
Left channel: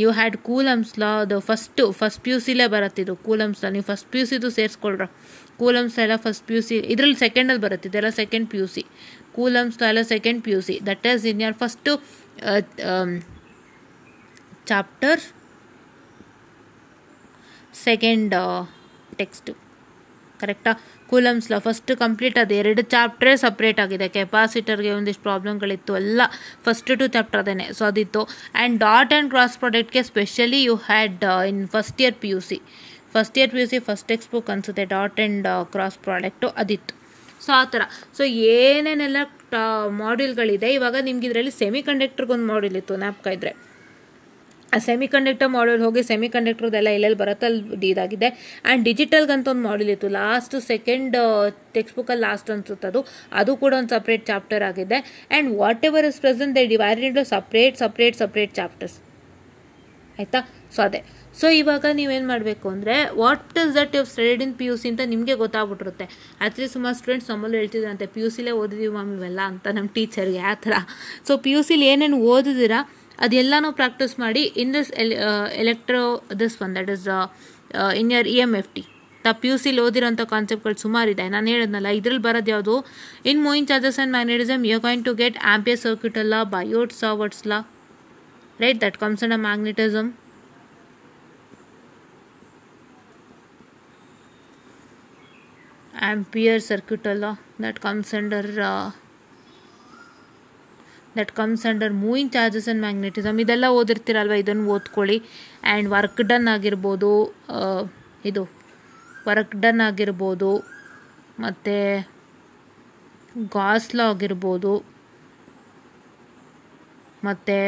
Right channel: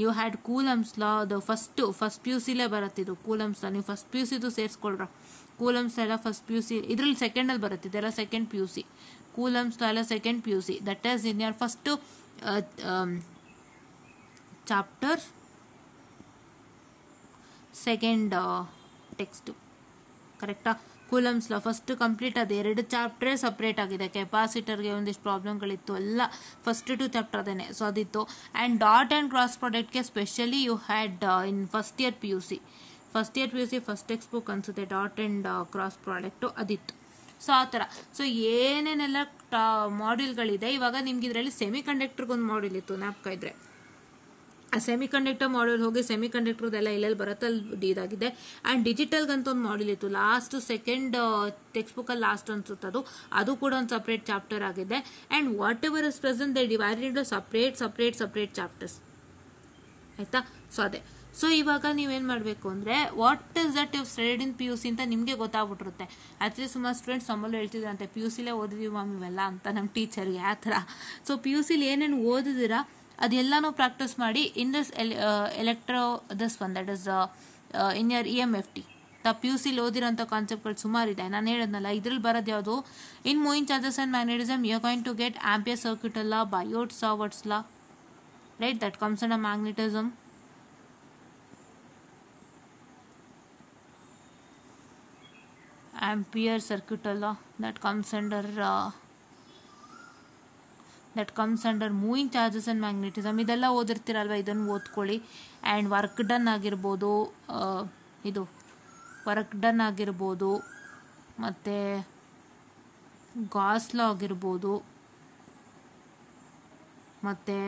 You had Coulomb's law. ಅದು ಫಸ್ಟ್ PUCಲೇ ಬರುತ್ತಿದ್ದು ಕೂಲಮ್ಸ್ ಲಾ. ನೀವು ಫಸ್ಟ್ PUCದು ಸೇರಿಸ್ಕೊಳ್ರ. ಕೂಲಮ್ಸ್ ಎಲ್ಲ ಫಸ್ಟ್ PUC, ಇದರಲ್ಲಿ ಸೆಕೆಂಡಲ್ಲಿ ಬರುತ್ತೆ. ಇದೆಲ್ಲ ಸೆಕೆಂಡ್ PUC. ಕೂಲಮ್ಸ್ ಲಾ ಎಲ್ಲ second PUC. That is in your first chapter, second text. ಕರೆಕ್ಟಾ? Coulomb's law first complete. ಅದು 2 ಚಾಪ್ಟ್ರೇ ಸಪ್ರೇಟ್ ಆಗಿದೆ. ಕೆಪಾಸಿಟರ್ಗೆ ಒಂದಿಷ್ಟು ಪ್ರಾಬ್ಲಮ್ಗಳಿತ್ತು, ಎಲ್ಲ ಫಸ್ಟ್ 2 ಚಾಪ್ಟರ್ ಅದೇನೆ. ಸೊ ಅದಿತ್ತು. ಆ್ಯಂಡ್ ಡಾಟ್ ಆ್ಯಂಡ್ ಕ್ರಾಸ್ ಪ್ರಾಡಕ್ಟ್ಗೆ specially you had in first year PUC first text book ಅನಿಸುತ್ತೆ, ಡಾಟ್ ಆ್ಯಂಡ್ ಕ್ರಾಸ್ ಪ್ರಾಡಕ್ಟು ಅದಿತ್ತು. ಸೊ ಆ ಥರ. ಸೊ ಏನೇನೆಲ್ಲ ಮಾಡ್ಯೂಲ್ಗಳಿದೆ ಇವಾಗ ನಿಮ್ಗೆ. ಇದರಲ್ಲಿ ಸೆಮಿ ಕಂಡಕ್ಟರ್ಗೊಂದು ಮಾಡ್ಯೂಲ್ ಇತ್ತು, ಜ್ಞಾಪಕ ಇದ್ದರೆ. ಆ ಸೆಮಿ ಕಂಡಕ್ಟರ್ ಮಾಡ್ಯೂಲ್ ಹೋಗಿ ಸೆಮಿ ಕಂಡಕ್ಟರ್ದೆಲ್ಲ ಎಲ್ಲೆಲ್ಲಿ ಬರುತ್ತೆ ಅಲ್ಲಿ ಇದಾಗಿದೆ. ಆ್ಯಂಡ್ ಡಿಜಿಟಲ್ಗಂತ ಒಂದು ಮಾಡ್ಯೂಲ್ ಇತ್ತು, ಲಾಸ್ಟ್ ಸೆಕೆಂಡ್ ಟೆಕ್ಸ್ಟ್ ಬುಕ್ಕಲ್ಲಿ ಲಾಸ್ಟ್ ಅನ್ಸುತ್ತದು. ಅದು ಕೂಡ ಒಂದು ಸಪ್ರೇಟ್ ಚಾಪ್ಟರ್ ಆಗಿದೆ. And whatever is present they divided into separate chapters. ಆಯಿತಾ? ಸೊ ಅದೇ. ಸೊ ಇವಾಗ ನೀವೇನು ಮಾಡಬೇಕು ಅಂದರೆ, what is that you studied in PUC ಅಂತ ನಿಮಗೆ ಗೊತ್ತಾಗ್ಬಿಟ್ಟಿರುತ್ತೆ. ಆ್ಯಕ್ಚುಲಿ ಸುಮಾರು ಸ್ಟೂಡೆಂಟ್ಸ್ ನಮ್ಮಲ್ಲೂ ಹೇಳ್ತಿದ್ದಂತೆ, PUCಲೇ ಓದಿದ್ದೀವಿ ಮ್ಯಾಮ್ ಇವೆಲ್ಲ ಅಂತ ನಮ್ಮ ಟೀಚರ್ಗೆ. ಆ ಥರ. ಸೊ PUCಲಿ ಏನೇನು ಓದಿದ್ದೀರಾ ಅದೆಲ್ಲನೂ ಪ್ರಾಕ್ಟೀಸ್ ಮಾಡಿ. In this this one that is in your EMFT. PUCಲಿ ಓದಿರೋಂಥ ಕಾನ್ಸೆಪ್ಟ್ಗಳು ಸುಮಾರಿದೆ. ನಾನು ಹೇಳಿದ್ನಲ್ಲ, ಇದ್ರಲ್ಲಿ ಬರೋದು ಯಾವುದು? In moving charges and magnetism you are going to get ampere circuit law, Biot-Savart's law, right? That comes under magnetism. Ampere circuit law, that comes under moving charges and magnetism. ಇದೆಲ್ಲ ಓದಿರ್ತೀರಲ್ವ, ಇದನ್ನು ಓದ್ಕೊಳ್ಳಿ. ಆ್ಯಂಡ್ ವರ್ಕ್ ಡನ್ ಆಗಿರ್ಬೋದು, ಮತ್ತು Gauss ಲಾ ಆಗಿರ್ಬೋದು, ಮತ್ತು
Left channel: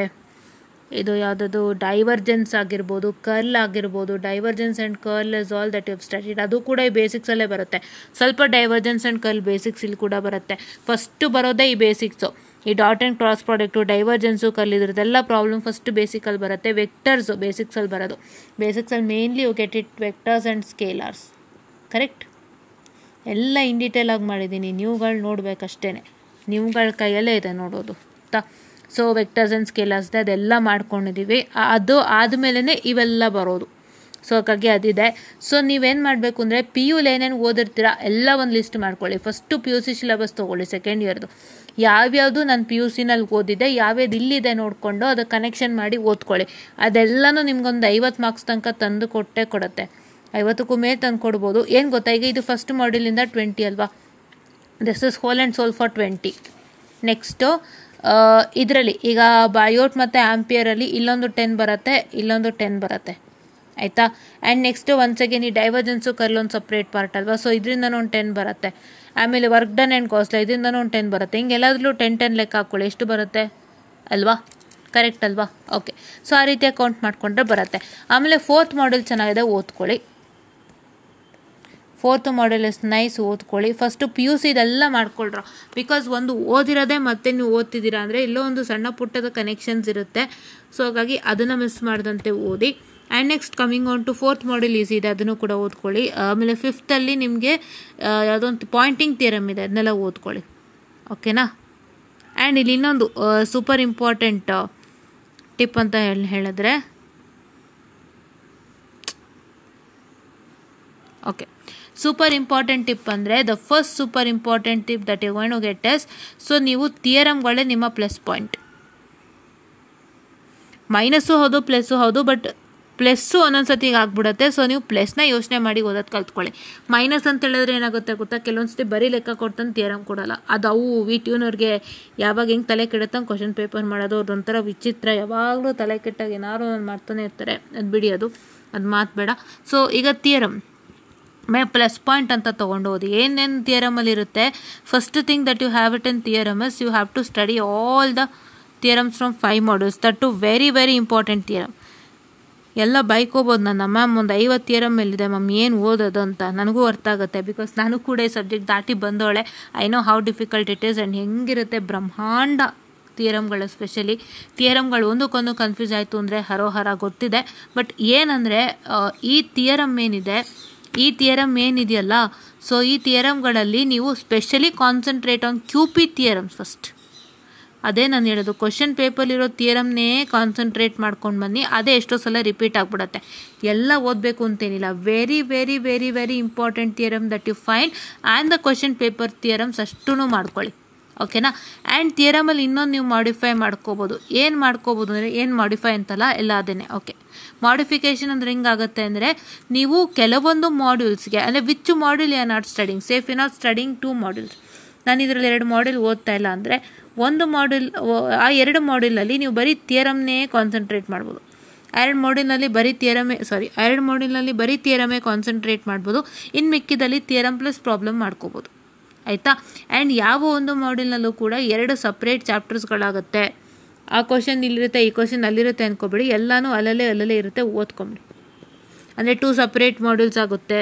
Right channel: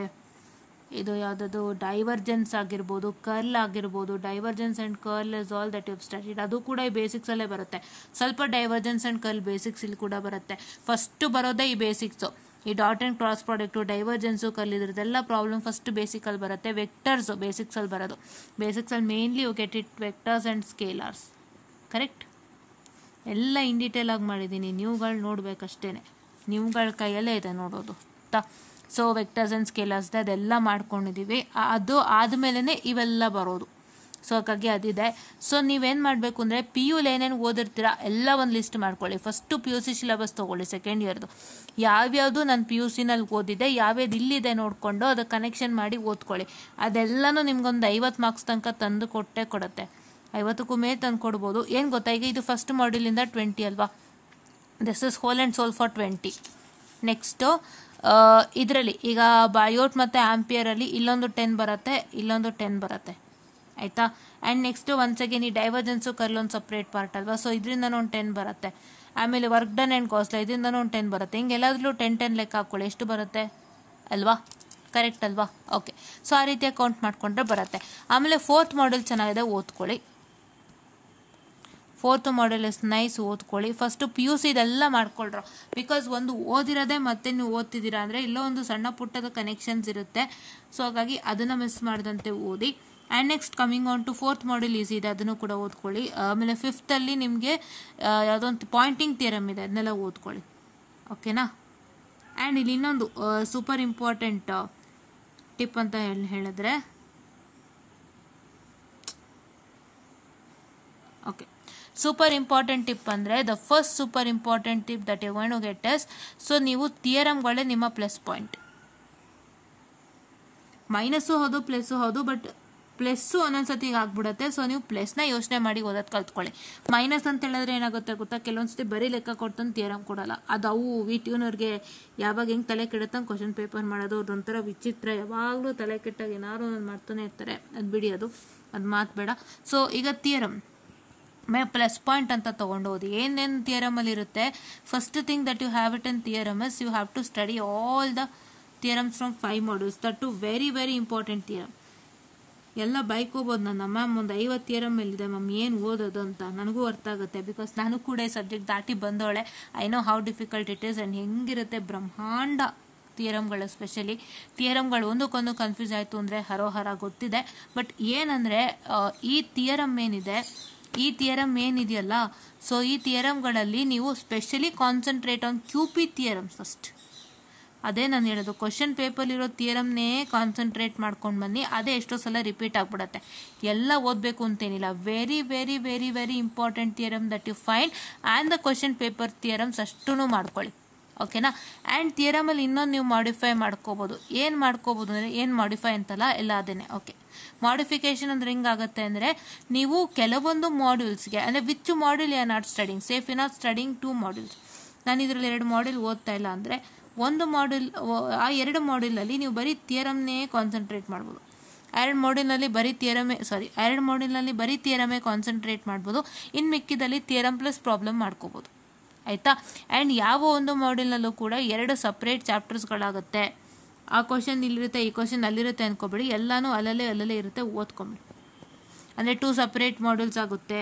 ಇದು ಯಾವುದದು divergence ಆಗಿರ್ಬೋದು, ಕರ್ಲ್ ಆಗಿರ್ಬೋದು. Divergence and curl is all that you have studied. ಅದು ಕೂಡ ಈ ಬೇಸಿಕ್ಸಲ್ಲೇ ಬರುತ್ತೆ. ಸ್ವಲ್ಪ ಡೈವರ್ಜೆನ್ಸ್ ಆ್ಯಂಡ್ ಕರ್ಲ್ ಬೇಸಿಕ್ಸ್ ಇಲ್ಲಿ ಕೂಡ ಬರುತ್ತೆ. ಫಸ್ಟ್ ಬರೋದೇ ಈ ಬೇಸಿಕ್ಸು. ಈ dot and cross product, divergence, curl ಇದ್ರದ್ದೆಲ್ಲ ಪ್ರಾಬ್ಲಮ್ ಫಸ್ಟ್ ಬೇಸಿಕಲ್ಲಿ ಬರುತ್ತೆ. ವೆಕ್ಟರ್ಸು ಬೇಸಿಕ್ಸಲ್ಲಿ ಬರೋದು. ಬೇಸಿಕ್ಸಲ್ಲಿ mainly you get it vectors and scalars. Correct? ಎಲ್ಲ ಇನ್ ಡೀಟೇಲ್ ಆಗಿ ಮಾಡಿದ್ದೀನಿ, ನೀವುಗಳು ನೋಡಬೇಕಷ್ಟೇ. ನೀವುಗಳ ಕೈಯಲ್ಲೇ ಇದೆ ನೋಡೋದು. ಸೊ ವೆಕ್ಟರ್ಸ್ ಆ್ಯಂಡ್ ಸ್ಕೇಲಾರ್ಸ್ ಅದೆಲ್ಲ ಮಾಡ್ಕೊಂಡಿದ್ದೀವಿ. ಅದು ಆದಮೇಲೆ ಇವೆಲ್ಲ ಬರೋದು. ಸೊ ಹಾಗಾಗಿ ಅದಿದೆ. ಸೊ ನೀವೇನು ಮಾಡಬೇಕು ಅಂದರೆ ಪಿ ಯುಲಿ ಏನೇನು ಓದಿರ್ತೀರಾ ಎಲ್ಲ ಒಂದು ಲಿಸ್ಟ್ ಮಾಡ್ಕೊಳ್ಳಿ. First P U C syllabus ತೊಗೊಳ್ಳಿ ಸೆಕೆಂಡ್ ಇಯರ್ದು. ಯಾವ್ಯಾವುದು ನಾನು ಪಿ ಯು ಸಿನಲ್ಲಿ ಓದಿದೆ, ಯಾವ್ಯಾವ್ದು ಇಲ್ಲಿದೆ ನೋಡಿಕೊಂಡು ಅದು ಕನೆಕ್ಷನ್ ಮಾಡಿ ಓದ್ಕೊಳ್ಳಿ. ಅದೆಲ್ಲನೂ ನಿಮ್ಗೊಂದು 50 ಮಾರ್ಕ್ಸ್ ತನಕ ತಂದು ಕೊಡುತ್ತೆ. 50ಕ್ಕೂ ಮೇಲೆ ತಂದು ಕೊಡ್ಬೋದು. ಏನು ಗೊತ್ತಾ, ಈಗ ಇದು ಫಸ್ಟ್ ಮಾಡ್ಯೂಲಿಂದ 20 ಅಲ್ವಾ, this is whole and soul for 20. Next ಇದರಲ್ಲಿ ಈಗ ಬಯೋಟ್ ಮತ್ತು ಆಂಪಿಯರಲ್ಲಿ ಇಲ್ಲೊಂದು 10 ಬರುತ್ತೆ, ಇಲ್ಲೊಂದು 10 ಬರುತ್ತೆ, ಆಯಿತಾ. ಆ್ಯಂಡ್ ನೆಕ್ಸ್ಟು ಒನ್ಸ್ ಅಗೇನ್ ಈ ಡೈವರ್ಜೆನ್ಸು ಕರ್ಲ್ ಒಂದು ಸಪ್ರೇಟ್ ಪಾರ್ಟ್ ಅಲ್ವಾ, ಸೊ ಇದರಿಂದನೂ ಒಂದು 10 ಬರುತ್ತೆ. ಆಮೇಲೆ ವರ್ಕ್ ಡನ್ ಆ್ಯಂಡ್ ಕಾಸ್ಟ್ ಇದರಿಂದನೂ ಒಂದು 10 ಬರುತ್ತೆ. ಹಿಂಗೆ ಎಲ್ಲಾದ್ರೂ 10 ಲೆಕ್ಕ ಹಾಕ್ಕೊಳ್ಳಿ, ಎಷ್ಟು ಬರುತ್ತೆ ಅಲ್ವಾ, ಕರೆಕ್ಟ್ ಅಲ್ವಾ? ಓಕೆ, ಸೊ ಆ ರೀತಿ ಕೌಂಟ್ ಮಾಡಿಕೊಂಡ್ರೆ ಬರುತ್ತೆ. ಆಮೇಲೆ 4th ಮಾಡೆಲ್ ಚೆನ್ನಾಗಿದೆ, ಓದ್ಕೊಳ್ಳಿ. 4th ಮಾಡೆಲ್ ಇಸ್ ನೈಸ್, ಓದ್ಕೊಳ್ಳಿ. ಫಸ್ಟು ಪಿ ಯು ಸಿ ಇದೆಲ್ಲ ಮಾಡ್ಕೊಳ್ರು, ಬಿಕಾಸ್ ಒಂದು ಓದಿರೋದೇ ಮತ್ತೆ ನೀವು ಓದ್ತಿದ್ದೀರಾ ಅಂದರೆ ಎಲ್ಲೋ ಒಂದು ಸಣ್ಣ ಪುಟ್ಟದ ಕನೆಕ್ಷನ್ಸ್ ಇರುತ್ತೆ. ಸೊ ಹಾಗಾಗಿ ಅದನ್ನು ಮಿಸ್ ಮಾಡ್ದಂತೆ ಓದಿ. And next coming on to 4th model easy ಇದೆ, ಅದನ್ನು ಕೂಡ ಓದ್ಕೊಳ್ಳಿ. ಆಮೇಲೆ 5th ಅಲ್ಲಿ ನಿಮಗೆ ಯಾವುದೊಂದು ಪಾಯಿಂಟಿಂಗ್ ಥಿಯರಮ್ ಇದೆ, ಅದನ್ನೆಲ್ಲ ಓದ್ಕೊಳ್ಳಿ, ಓಕೆನಾ. ಆ್ಯಂಡ್ ಇಲ್ಲಿ ಇನ್ನೊಂದು ಸೂಪರ್ ಇಂಪಾರ್ಟೆಂಟ್ ಟಿಪ್ ಅಂತ ಹೇಳಿದ್ರೆ, ಓಕೆ, ಸೂಪರ್ ಇಂಪಾರ್ಟೆಂಟ್ ಟಿಪ್ ಅಂದರೆ the first super important tip that you going to get is, so ನೀವು ಥಿಯರಮ್ಗಳೇ ನಿಮ್ಮ ಪ್ಲಸ್ ಪಾಯಿಂಟ್. ಮೈನಸ್ಸು ಹೌದು, ಪ್ಲಸ್ಸು ಹೌದು, ಬಟ್ ಪ್ಲಸ್ಸು ಒಂದೊಂದ್ಸತಿ ಈಗ ಆಗ್ಬಿಡುತ್ತೆ. ಸೊ ನೀವು ಪ್ಲಸ್ನ ಯೋಚನೆ ಮಾಡಿ ಓದೋದು ಕಲ್ತ್ಕೊಳ್ಳಿ. ಮೈನಸ್ ಅಂತ ಹೇಳಿದ್ರೆ ಏನಾಗುತ್ತೆ ಗೊತ್ತಾ, ಕೆಲವೊಂದ್ಸತಿ ಬರೀ ಲೆಕ್ಕ ಕೊಡ್ತಾನೆ ಥಿಯರಮ್ ಕೊಡಲ್ಲ. ಅದು ಅವು ಟ್ಯೂನವ್ರಿಗೆ ಯಾವಾಗ ಹೆಂಗೆ ತಲೆ ಕೆಡುತ್ತಂಗೆ ಕ್ವಶನ್ ಪೇಪರ್ ಮಾಡೋದು ಅದೊಂಥರ ವಿಚಿತ್ರ. ಯಾವಾಗಲೂ ತಲೆ ಕೆಟ್ಟಾಗ ಏನಾದ್ರು ಒಂದು ಮಾಡ್ತಾನೆ ಇರ್ತಾರೆ, ಅದು ಬಿಡಿ, ಅದು ಮಾತು ಬೇಡ. ಸೊ ಈಗ ಥಿಯರಮ್ ಪ್ಲಸ್ ಪಾಯಿಂಟ್ ಅಂತ ತೊಗೊಂಡು ಓದಿ. ಏನೇನು ಥಿಯರಮಲ್ಲಿ ಇರುತ್ತೆ, first thing that you have it in theorem is you have to study all the theorems from 5 modules. That to very very important theorem. ಎಲ್ಲ ಬೈಕೋಬೋದು, ನನ್ನ ಮ್ಯಾಮ್ ಒಂದು 50 ಥಿಯರಮ್ ಮೇಲಿದೆ ಮ್ಯಾಮ್, ಏನು ಓದೋದು ಅಂತ. ನನಗೂ ಅರ್ಥ ಆಗುತ್ತೆ, ಬಿಕಾಸ್ ನಾನು ಕೂಡ ಈ ಸಬ್ಜೆಕ್ಟ್ ದಾಟಿ ಬಂದೋಳೆ. I know how difficult it is and ಹೆಂಗಿರುತ್ತೆ ಬ್ರಹ್ಮಾಂಡ ಥಿಯರಮ್ಗಳು. ಎಸ್ಪೆಷಲಿ ಥಿಯರಮ್ಗಳು ಒಂದಕ್ಕೊಂದು ಕನ್ಫ್ಯೂಸ್ ಆಯಿತು ಅಂದರೆ ಹರೋಹರ ಗೊತ್ತಿದೆ. ಬಟ್ ಏನಂದರೆ ಈ ಥಿಯರಮ್ ಏನಿದೆಯಲ್ಲ, ಸೊ ಈ ಥಿಯರಮ್ಗಳಲ್ಲಿ ನೀವು specially concentrate on QP theorems first. ಅದೇ ನಾನು ಹೇಳೋದು, ಕ್ವಶನ್ ಪೇಪರ್ಲಿರೋ ಥಿಯರಮ್ನೇ ಕಾನ್ಸಂಟ್ರೇಟ್ ಮಾಡ್ಕೊಂಡು ಬನ್ನಿ. ಅದೇ ಎಷ್ಟೋ ಸಲ ರಿಪೀಟ್ ಆಗಿಬಿಡುತ್ತೆ. ಎಲ್ಲ ಓದಬೇಕು ಅಂತೇನಿಲ್ಲ. Very very very very important theorem that you find and the question paper theorems ಅಷ್ಟೂ ಮಾಡ್ಕೊಳ್ಳಿ, ಓಕೆನಾ. ಆ್ಯಂಡ್ ಥಿಯರಮಲ್ಲಿ ಇನ್ನೊಂದು ನೀವು ಮಾಡಿಫೈ ಮಾಡ್ಕೋಬೋದು. ಏನು ಮಾಡ್ಕೋಬೋದು ಅಂದರೆ, ಏನು ಮಾಡಿಫೈ ಅಂತಲ್ಲ, ಎಲ್ಲ ಅದೇನೆ. ಓಕೆ, ಮಾಡಿಫಿಕೇಶನ್ ಅಂದರೆ ಹೆಂಗಾಗುತ್ತೆ ಅಂದರೆ, ನೀವು ಕೆಲವೊಂದು ಮಾಡ್ಯೂಲ್ಸ್ಗೆ ಅಂದರೆ which module you are not studying, safe you not studying 2 modules. ನಾನು ಇದರಲ್ಲಿ 2 ಮಾಡ್ಯೂಲ್ ಓದ್ತಾ ಇಲ್ಲ ಅಂದರೆ ಒಂದು ಮಾಡ್ಯೂಲ್, ಆ 2 ಮಾಡ್ಯೂಲಲ್ಲಿ ನೀವು ಬರೀ ಥಿಯರಮ್ನೇ ಕಾನ್ಸಂಟ್ರೇಟ್ ಮಾಡ್ಬೋದು. 2 ಮಾಡ್ಯೂಲ್ನಲ್ಲಿ ಬರೀ ಥಿಯರಮೇ ಕಾನ್ಸಂಟ್ರೇಟ್ ಮಾಡ್ಬೋದು. ಇನ್ನು ಮಿಕ್ಕಿದಲ್ಲಿ ಥಿಯರಮ್ ಪ್ಲಸ್ ಪ್ರಾಬ್ಲಮ್ ಮಾಡ್ಕೋಬೋದು, ಆಯಿತಾ. ಆ್ಯಂಡ್ ಯಾವ ಒಂದು ಮಾಡ್ಯೂಲ್ನಲ್ಲೂ ಕೂಡ 2 ಸಪ್ರೇಟ್ ಚಾಪ್ಟರ್ಸ್ಗಳಾಗುತ್ತೆ. ಆ ಕ್ವಶನ್ ಇಲ್ಲಿರುತ್ತೆ, ಈ ಕ್ವಶನ್ ಅಲ್ಲಿರುತ್ತೆ ಅಂದ್ಕೊಬೇಡಿ. ಎಲ್ಲನೂ ಅಲ್ಲಲ್ಲೇ ಇರುತ್ತೆ, ಓದ್ಕೊಂಬಿಡಿ. ಅಂದರೆ 2 ಸಪ್ರೇಟ್ ಮಾಡ್ಯೂಲ್ಸ್ ಆಗುತ್ತೆ.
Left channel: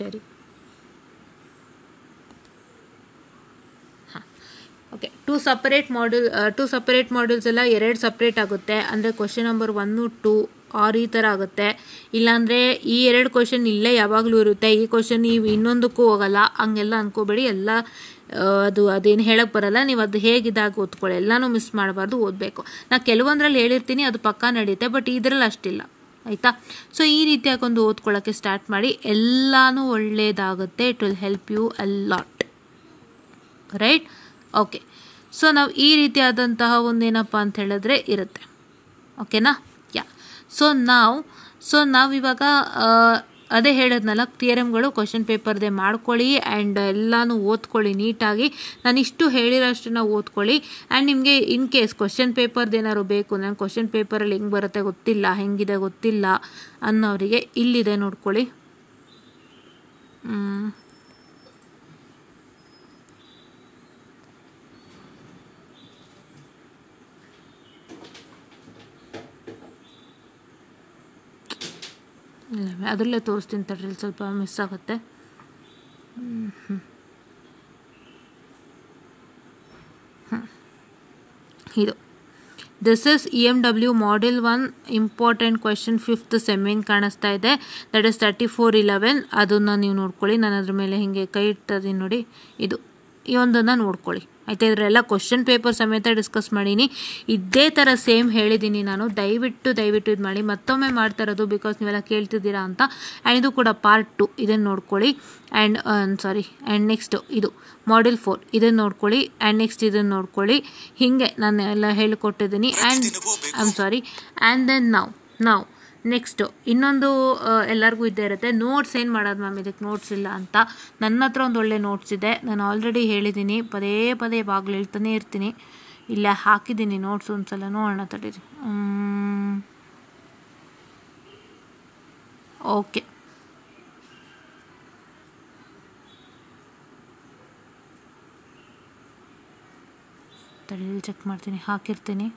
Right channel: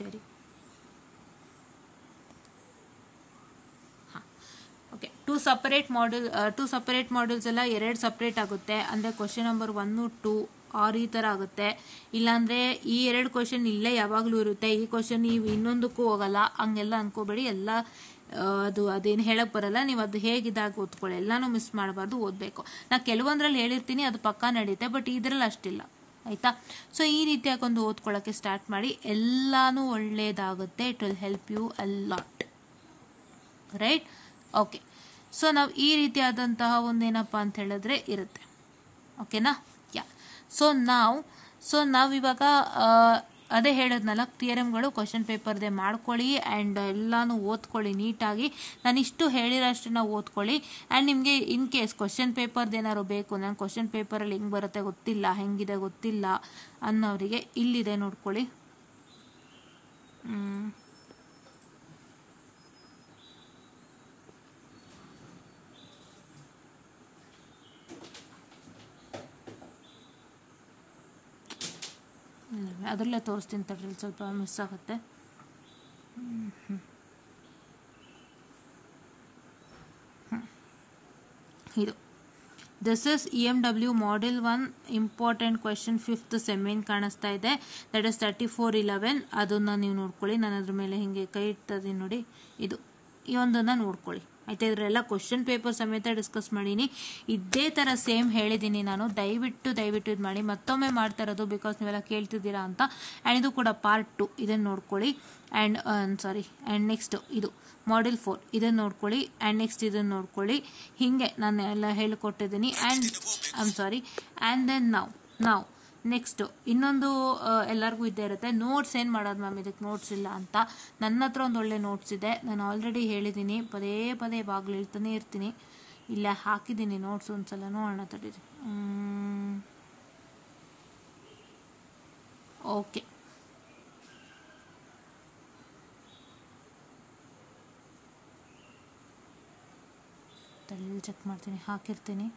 ಸರಿ, ಹಾಂ, ಓಕೆ. 2 ಸಪ್ರೇಟ್ ಮಾಡ್ಯೂಲ್ಸ್ ಎಲ್ಲ 2 ಸಪ್ರೇಟ್ ಆಗುತ್ತೆ. ಅಂದರೆ ಕ್ವಶನ್ ನಂಬರ್ 1, 2 ಈ ಥರ ಆಗುತ್ತೆ. ಇಲ್ಲಾಂದರೆ ಈ 2 ಕ್ವಶನ್ ಇಲ್ಲೇ ಯಾವಾಗಲೂ ಇರುತ್ತೆ, ಈ ಕ್ವಶನ್ ಇನ್ನೊಂದಕ್ಕೂ ಹೋಗಲ್ಲ, ಹಂಗೆಲ್ಲ ಅಂದ್ಕೋಬೇಡಿ. ಎಲ್ಲ ಅದೇನು ಹೇಳಕ್ಕೆ ಬರಲ್ಲ. ನೀವು ಅದು ಹೇಗಿದಾಗ ಓದ್ಕೊಳ್ಳಿ, ಎಲ್ಲನೂ ಮಿಸ್ ಮಾಡಬಾರ್ದು, ಓದಬೇಕು. ನಾನು ಕೆಲವೊಂದರಲ್ಲಿ ಹೇಳಿರ್ತೀನಿ, ಅದು ಪಕ್ಕಾ ನಡೆಯುತ್ತೆ, ಬಟ್ ಇದರಲ್ಲಿ ಅಷ್ಟಿಲ್ಲ, ಆಯಿತಾ. ಸೊ ಈ ರೀತಿಯಾಗಿ ಒಂದು ಓದ್ಕೊಳ್ಳೋಕ್ಕೆ ಸ್ಟಾರ್ಟ್ ಮಾಡಿ, ಎಲ್ಲನೂ ಒಳ್ಳೆಯದಾಗುತ್ತೆ. It will help you a lot, right. Okay, so ನಾವು ಈ ರೀತಿಯಾದಂತಹ ಒಂದೇನಪ್ಪ ಅಂತ ಹೇಳಿದ್ರೆ ಇರುತ್ತೆ, ಓಕೆನಾ. ಯಾ, ಸೊ ನಾವಿವಾಗ ಅದೇ ಹೇಳೋದ್ನಲ್ಲ, ಥಿಯರಮ್ಗಳು ಕ್ವಶನ್ ಪೇಪರ್ದೇ ಮಾಡ್ಕೊಳ್ಳಿ ಆ್ಯಂಡ್ ಎಲ್ಲನೂ ಓದ್ಕೊಳ್ಳಿ ನೀಟಾಗಿ. ನಾನು ಇಷ್ಟು ಹೇಳಿರೋಷ್ಟನ್ನ ಓದ್ಕೊಳ್ಳಿ. ಆ್ಯಂಡ್ ನಿಮಗೆ ಇನ್ ಕೇಸ್ ಕ್ವಶನ್ ಪೇಪರ್ದೇನಾದ್ರು ಬೇಕು, ನಾನು ಕ್ವಶನ್ ಪೇಪರಲ್ಲಿ ಹೆಂಗೆ ಬರುತ್ತೆ ಗೊತ್ತಿಲ್ಲ, ಹೆಂಗಿದೆ ಗೊತ್ತಿಲ್ಲ ಅನ್ನೋರಿಗೆ ಇಲ್ಲಿದೆ ನೋಡ್ಕೊಳ್ಳಿ. ಅದರಲ್ಲೇ ತೋರಿಸ್ತೀನಿ ತಡ್ರಿ, ಸ್ವಲ್ಪ ಮಿಸ್ ಆಗುತ್ತೆ. ಇದು this is EMW Model 1 important question 5th ಸೆಮ್ಮಿಂಗ್ ಕಾಣಿಸ್ತಾ ಇದೆ. That is 3411. ಅದನ್ನು ನೀವು ನೋಡ್ಕೊಳ್ಳಿ. ನಾನು ಅದ್ರ ಮೇಲೆ ಹಿಂಗೆ ಕೈ ಇಡ್ತದೀನಿ ನೋಡಿ, ಇದು ಈ ಒಂದನ್ನು ನೋಡ್ಕೊಳ್ಳಿ, ಆಯಿತಾ. ಇದರೆಲ್ಲ ಕ್ವಶನ್ ಪೇಪರ್ ಸಮೇತ ಡಿಸ್ಕಸ್ ಮಾಡೀನಿ. ಇದೇ ಥರ ಸೇಮ್ ಹೇಳಿದ್ದೀನಿ ನಾನು. ದಯವಿಟ್ಟು ಇದು ಮಾಡಿ. ಮತ್ತೊಮ್ಮೆ ಮಾಡ್ತಾ ಇರೋದು ಬಿಕಾಸ್ ನೀವೆಲ್ಲ ಕೇಳ್ತಿದ್ದೀರಾ ಅಂತ. ಆ್ಯಂಡ್ ಇದು ಕೂಡ ಪಾರ್ಟ್ 2, ಇದನ್ನು ನೋಡ್ಕೊಳ್ಳಿ. ಆ್ಯಂಡ್ ನೆಕ್ಸ್ಟ್ ಇದು ಮಾಡ್ಯೂಲ್ 4, ಇದನ್ನು ನೋಡ್ಕೊಳ್ಳಿ. ಆ್ಯಂಡ್ ನೆಕ್ಸ್ಟ್ ಇದನ್ನು ನೋಡ್ಕೊಳ್ಳಿ. ಹೀಗೆ ನಾನು ಎಲ್ಲ ಹೇಳಿಕೊಟ್ಟಿದ್ದೀನಿ. ಆ್ಯಂಡ್ ದೆನ್ ನಾವು ನೆಕ್ಸ್ಟು ಇನ್ನೊಂದು ಎಲ್ಲರಿಗೂ ಇದ್ದೇ ಇರುತ್ತೆ, ನೋಟ್ಸ್ ಏನು ಮಾಡೋದು ಮ್ಯಾಮ್, ಇದಕ್ಕೆ ನೋಟ್ಸ್ ಇಲ್ಲ ಅಂತ. ನನ್ನ ಹತ್ರ ಒಂದು ಒಳ್ಳೆ ನೋಟ್ಸ್ ಇದೆ, ನಾನು ಆಲ್ರೆಡಿ ಹೇಳಿದ್ದೀನಿ, ಪದೇ ಬಾಗಿಲು ಹೇಳ್ತಾನೆ ಇರ್ತೀನಿ. ಇಲ್ಲ ಹಾಕಿದ್ದೀನಿ ನೋಟ್ಸ್, ಒಂದ್ಸಲ ನೋಡೋಣ ತಡೀರಿ. ಓಕೆ, ತಡೀರಿ ಚೆಕ್ ಮಾಡ್ತೀನಿ, ಹಾಕಿರ್ತೀನಿ.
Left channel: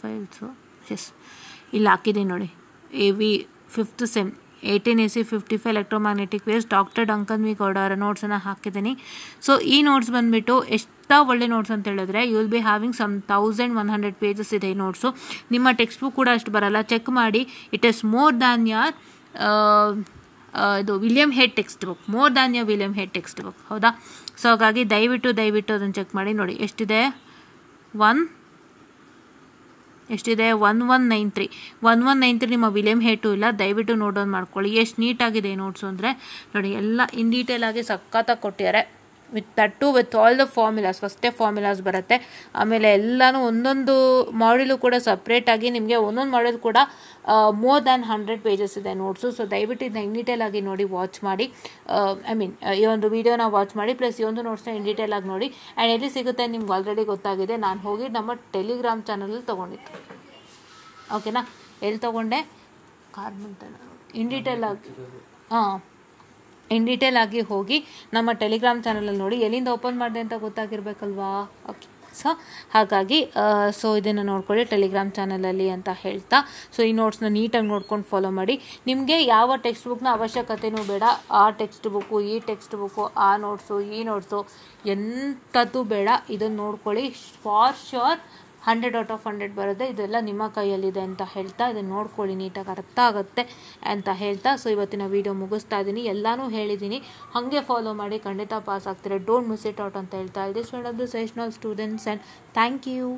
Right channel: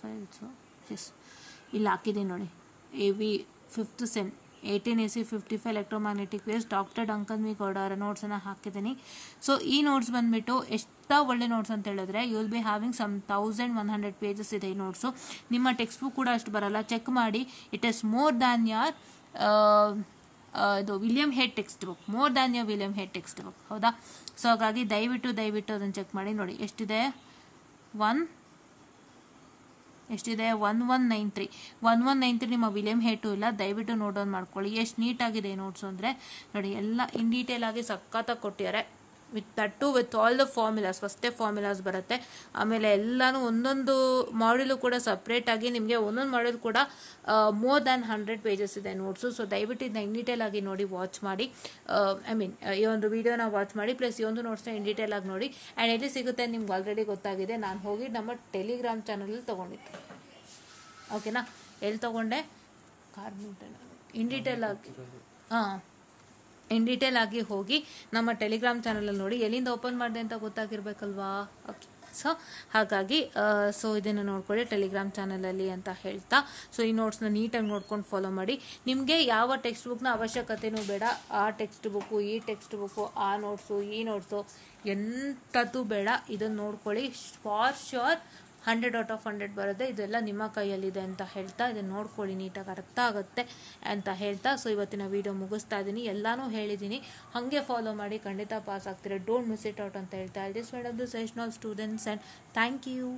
ಫೈಲ್ಸು ಎಸ್, ಇಲ್ಲಿ ಹಾಕಿದ್ದೀನಿ ನೋಡಿ. AV 5th sem 18 AC 55 electromagnetic waves, doctor ಡಂಕನ್ ವಿ ಗೌಡರ ನೋಟ್ಸನ್ನು ಹಾಕಿದ್ದೀನಿ. ಸೊ ಈ ನೋಟ್ಸ್ ಬಂದುಬಿಟ್ಟು ಎಷ್ಟು ಒಳ್ಳೆ ನೋಟ್ಸ್ ಅಂತ ಹೇಳಿದ್ರೆ, you will be having some 1100 pages ಇದೆ ಈ ನೋಟ್ಸು. ನಿಮ್ಮ ಟೆಕ್ಸ್ಟ್ ಬುಕ್ ಕೂಡ ಅಷ್ಟು ಬರಲ್ಲ, ಚೆಕ್ ಮಾಡಿ. It is more than your ಇದು William Hayt text book, more than your William Hayt text book, ಹೌದಾ. ಸೊ ಹಾಗಾಗಿ ದಯವಿಟ್ಟು ಅದನ್ನು ಚೆಕ್ ಮಾಡಿ. ನೋಡಿ ಎಷ್ಟಿದೆ, 1193 ನಿಮ್ಮ ವಿಲಿಯಂ ಹೇಟು ಇಲ್ಲ. ದಯವಿಟ್ಟು ನೋಡೋದು ಮಾಡ್ಕೊಳ್ಳಿ. ಎಷ್ಟು ನೀಟಾಗಿದೆ ನೋಟ್ಸು ಅಂದರೆ ನೋಡಿ, ಎಲ್ಲ ಇನ್ ಡೀಟೇಲ್ ಆಗಿ ಸಖತ್ತಾಗಿ ಕೊಟ್ಟಿದ್ದಾರೆ. ವಿತ್ ಆಲ್ ದ ಫಾರ್ಮುಲಾಸ್, ಫಸ್ಟೇ ಫಾರ್ಮುಲಾಸ್ ಬರುತ್ತೆ. ಆಮೇಲೆ ಎಲ್ಲನೂ ಒಂದೊಂದು ಮಾಡ್ಯೂಲು ಕೂಡ ಸಪ್ರೇಟಾಗಿ ನಿಮಗೆ ಒಂದೊಂದು ಮಾಡ್ಯೂಲ್ ಕೂಡ ಮೋರ್ ದ್ಯಾನ್ 100 ಪೇಜಸ್ ಇದೆ ನೋಟ್ಸು. ಸೊ ದಯವಿಟ್ಟು ಇದನ್ನ ಇನ್ ಡೀಟೇಲ್ ಆಗಿ ನೋಡಿ, ವಾಚ್ ಮಾಡಿ. ಈ ಒಂದು ವಿಡಿಯೋನ ವಾಚ್ ಮಾಡಿ, ಪ್ಲಸ್ ಈ ಒಂದು ನೋಟ್ಸ್ನ ಇನ್ ಡೀಟೇಲ್ ಆಗಿ ನೋಡಿ. ಆ್ಯಂಡ್ ಎಲ್ಲಿ ಸಿಗುತ್ತೆ ನಿಮ್ಗೆ ಆಲ್ರೆಡಿ ಗೊತ್ತಾಗಿದೆ. ನಾನು ಹೋಗಿ ನಮ್ಮ ಟೆಲಿಗ್ರಾಮ್ ಚಾನಲಲ್ಲಿ ತೊಗೊಂಡಿದ್ದೆ, ಓಕೆನಾ. ಎಲ್ಲಿ ತೊಗೊಂಡೆ, ಇನ್ ಡೀಟೇಲ್ ಆಗಿ ಹೋಗಿ ನಮ್ಮ ಟೆಲಿಗ್ರಾಮ್ ಚಾನಲಲ್ಲಿ ನೋಡಿ. ಎಲ್ಲಿಂದ ಓಪನ್ ಮಾಡಿದೆ ಅಂತ ಗೊತ್ತಾಗಿರ್ಬೇಕಲ್ವಾ. ಓಕೆ, ಸೊ ಹಾಗಾಗಿ ಇದನ್ನು ನೋಡ್ಕೊಳ್ಳಿ ಟೆಲಿಗ್ರಾಮ್ ಚಾನಲಲ್ಲಿ ಅಂತ ಹೇಳ್ತಾ. ಸೊ ಈ ನೋಟ್ಸ್ನ ನೀಟಾಗಿ ನೋಡ್ಕೊಂಡು ಫಾಲೋ ಮಾಡಿ. ನಿಮಗೆ ಯಾವ ಟೆಕ್ಸ್ಟ್ ಬುಕ್ನ ಅವಶ್ಯಕತೆಯೂ ಬೇಡ. ಆ ಟೆಕ್ಸ್ಟ್ ಬುಕ್ಕು, ಈ ಟೆಕ್ಸ್ಟ್ ಬುಕ್ಕು, ಆ ನೋಟ್ಸು, ಈ ನೋಟ್ಸು ಎಂಥದ್ದು ಬೇಡ. ಇದನ್ನು ನೋಡ್ಕೊಳ್ಳಿ, ಫಾರ್ ಶ್ಯೂರ್ 100 out of 100 ಬರುತ್ತೆ. ಇದೆಲ್ಲ ನಿಮ್ಮ ಕೈಯಲ್ಲಿದೆ ಅಂತ ಹೇಳ್ತಾ, ಇದನ್ನು ನೋಡ್ಕೊಳ್ಳಿ, ನೀಟಾಗಿ ಅರ್ಥ ಆಗುತ್ತೆ ಅಂತ ಹೇಳ್ತಾ. ಸೊ ಇವತ್ತಿನ ವಿಡಿಯೋ ಮುಗಿಸ್ತಾ ಇದ್ದೀನಿ. ಎಲ್ಲನೂ ಹೇಳಿದ್ದೀನಿ, ಹಾಗೆ ಫಾಲೋ ಮಾಡಿ, ಖಂಡಿತ ಪಾಸ್ ಆಗ್ತೀರಾ. ಡೋಂಟ್ ಮಿಸ್ ಇಟ್ ಔಟ್ ಅಂತ ಹೇಳ್ತಾ. This one of the sessional students and thank you.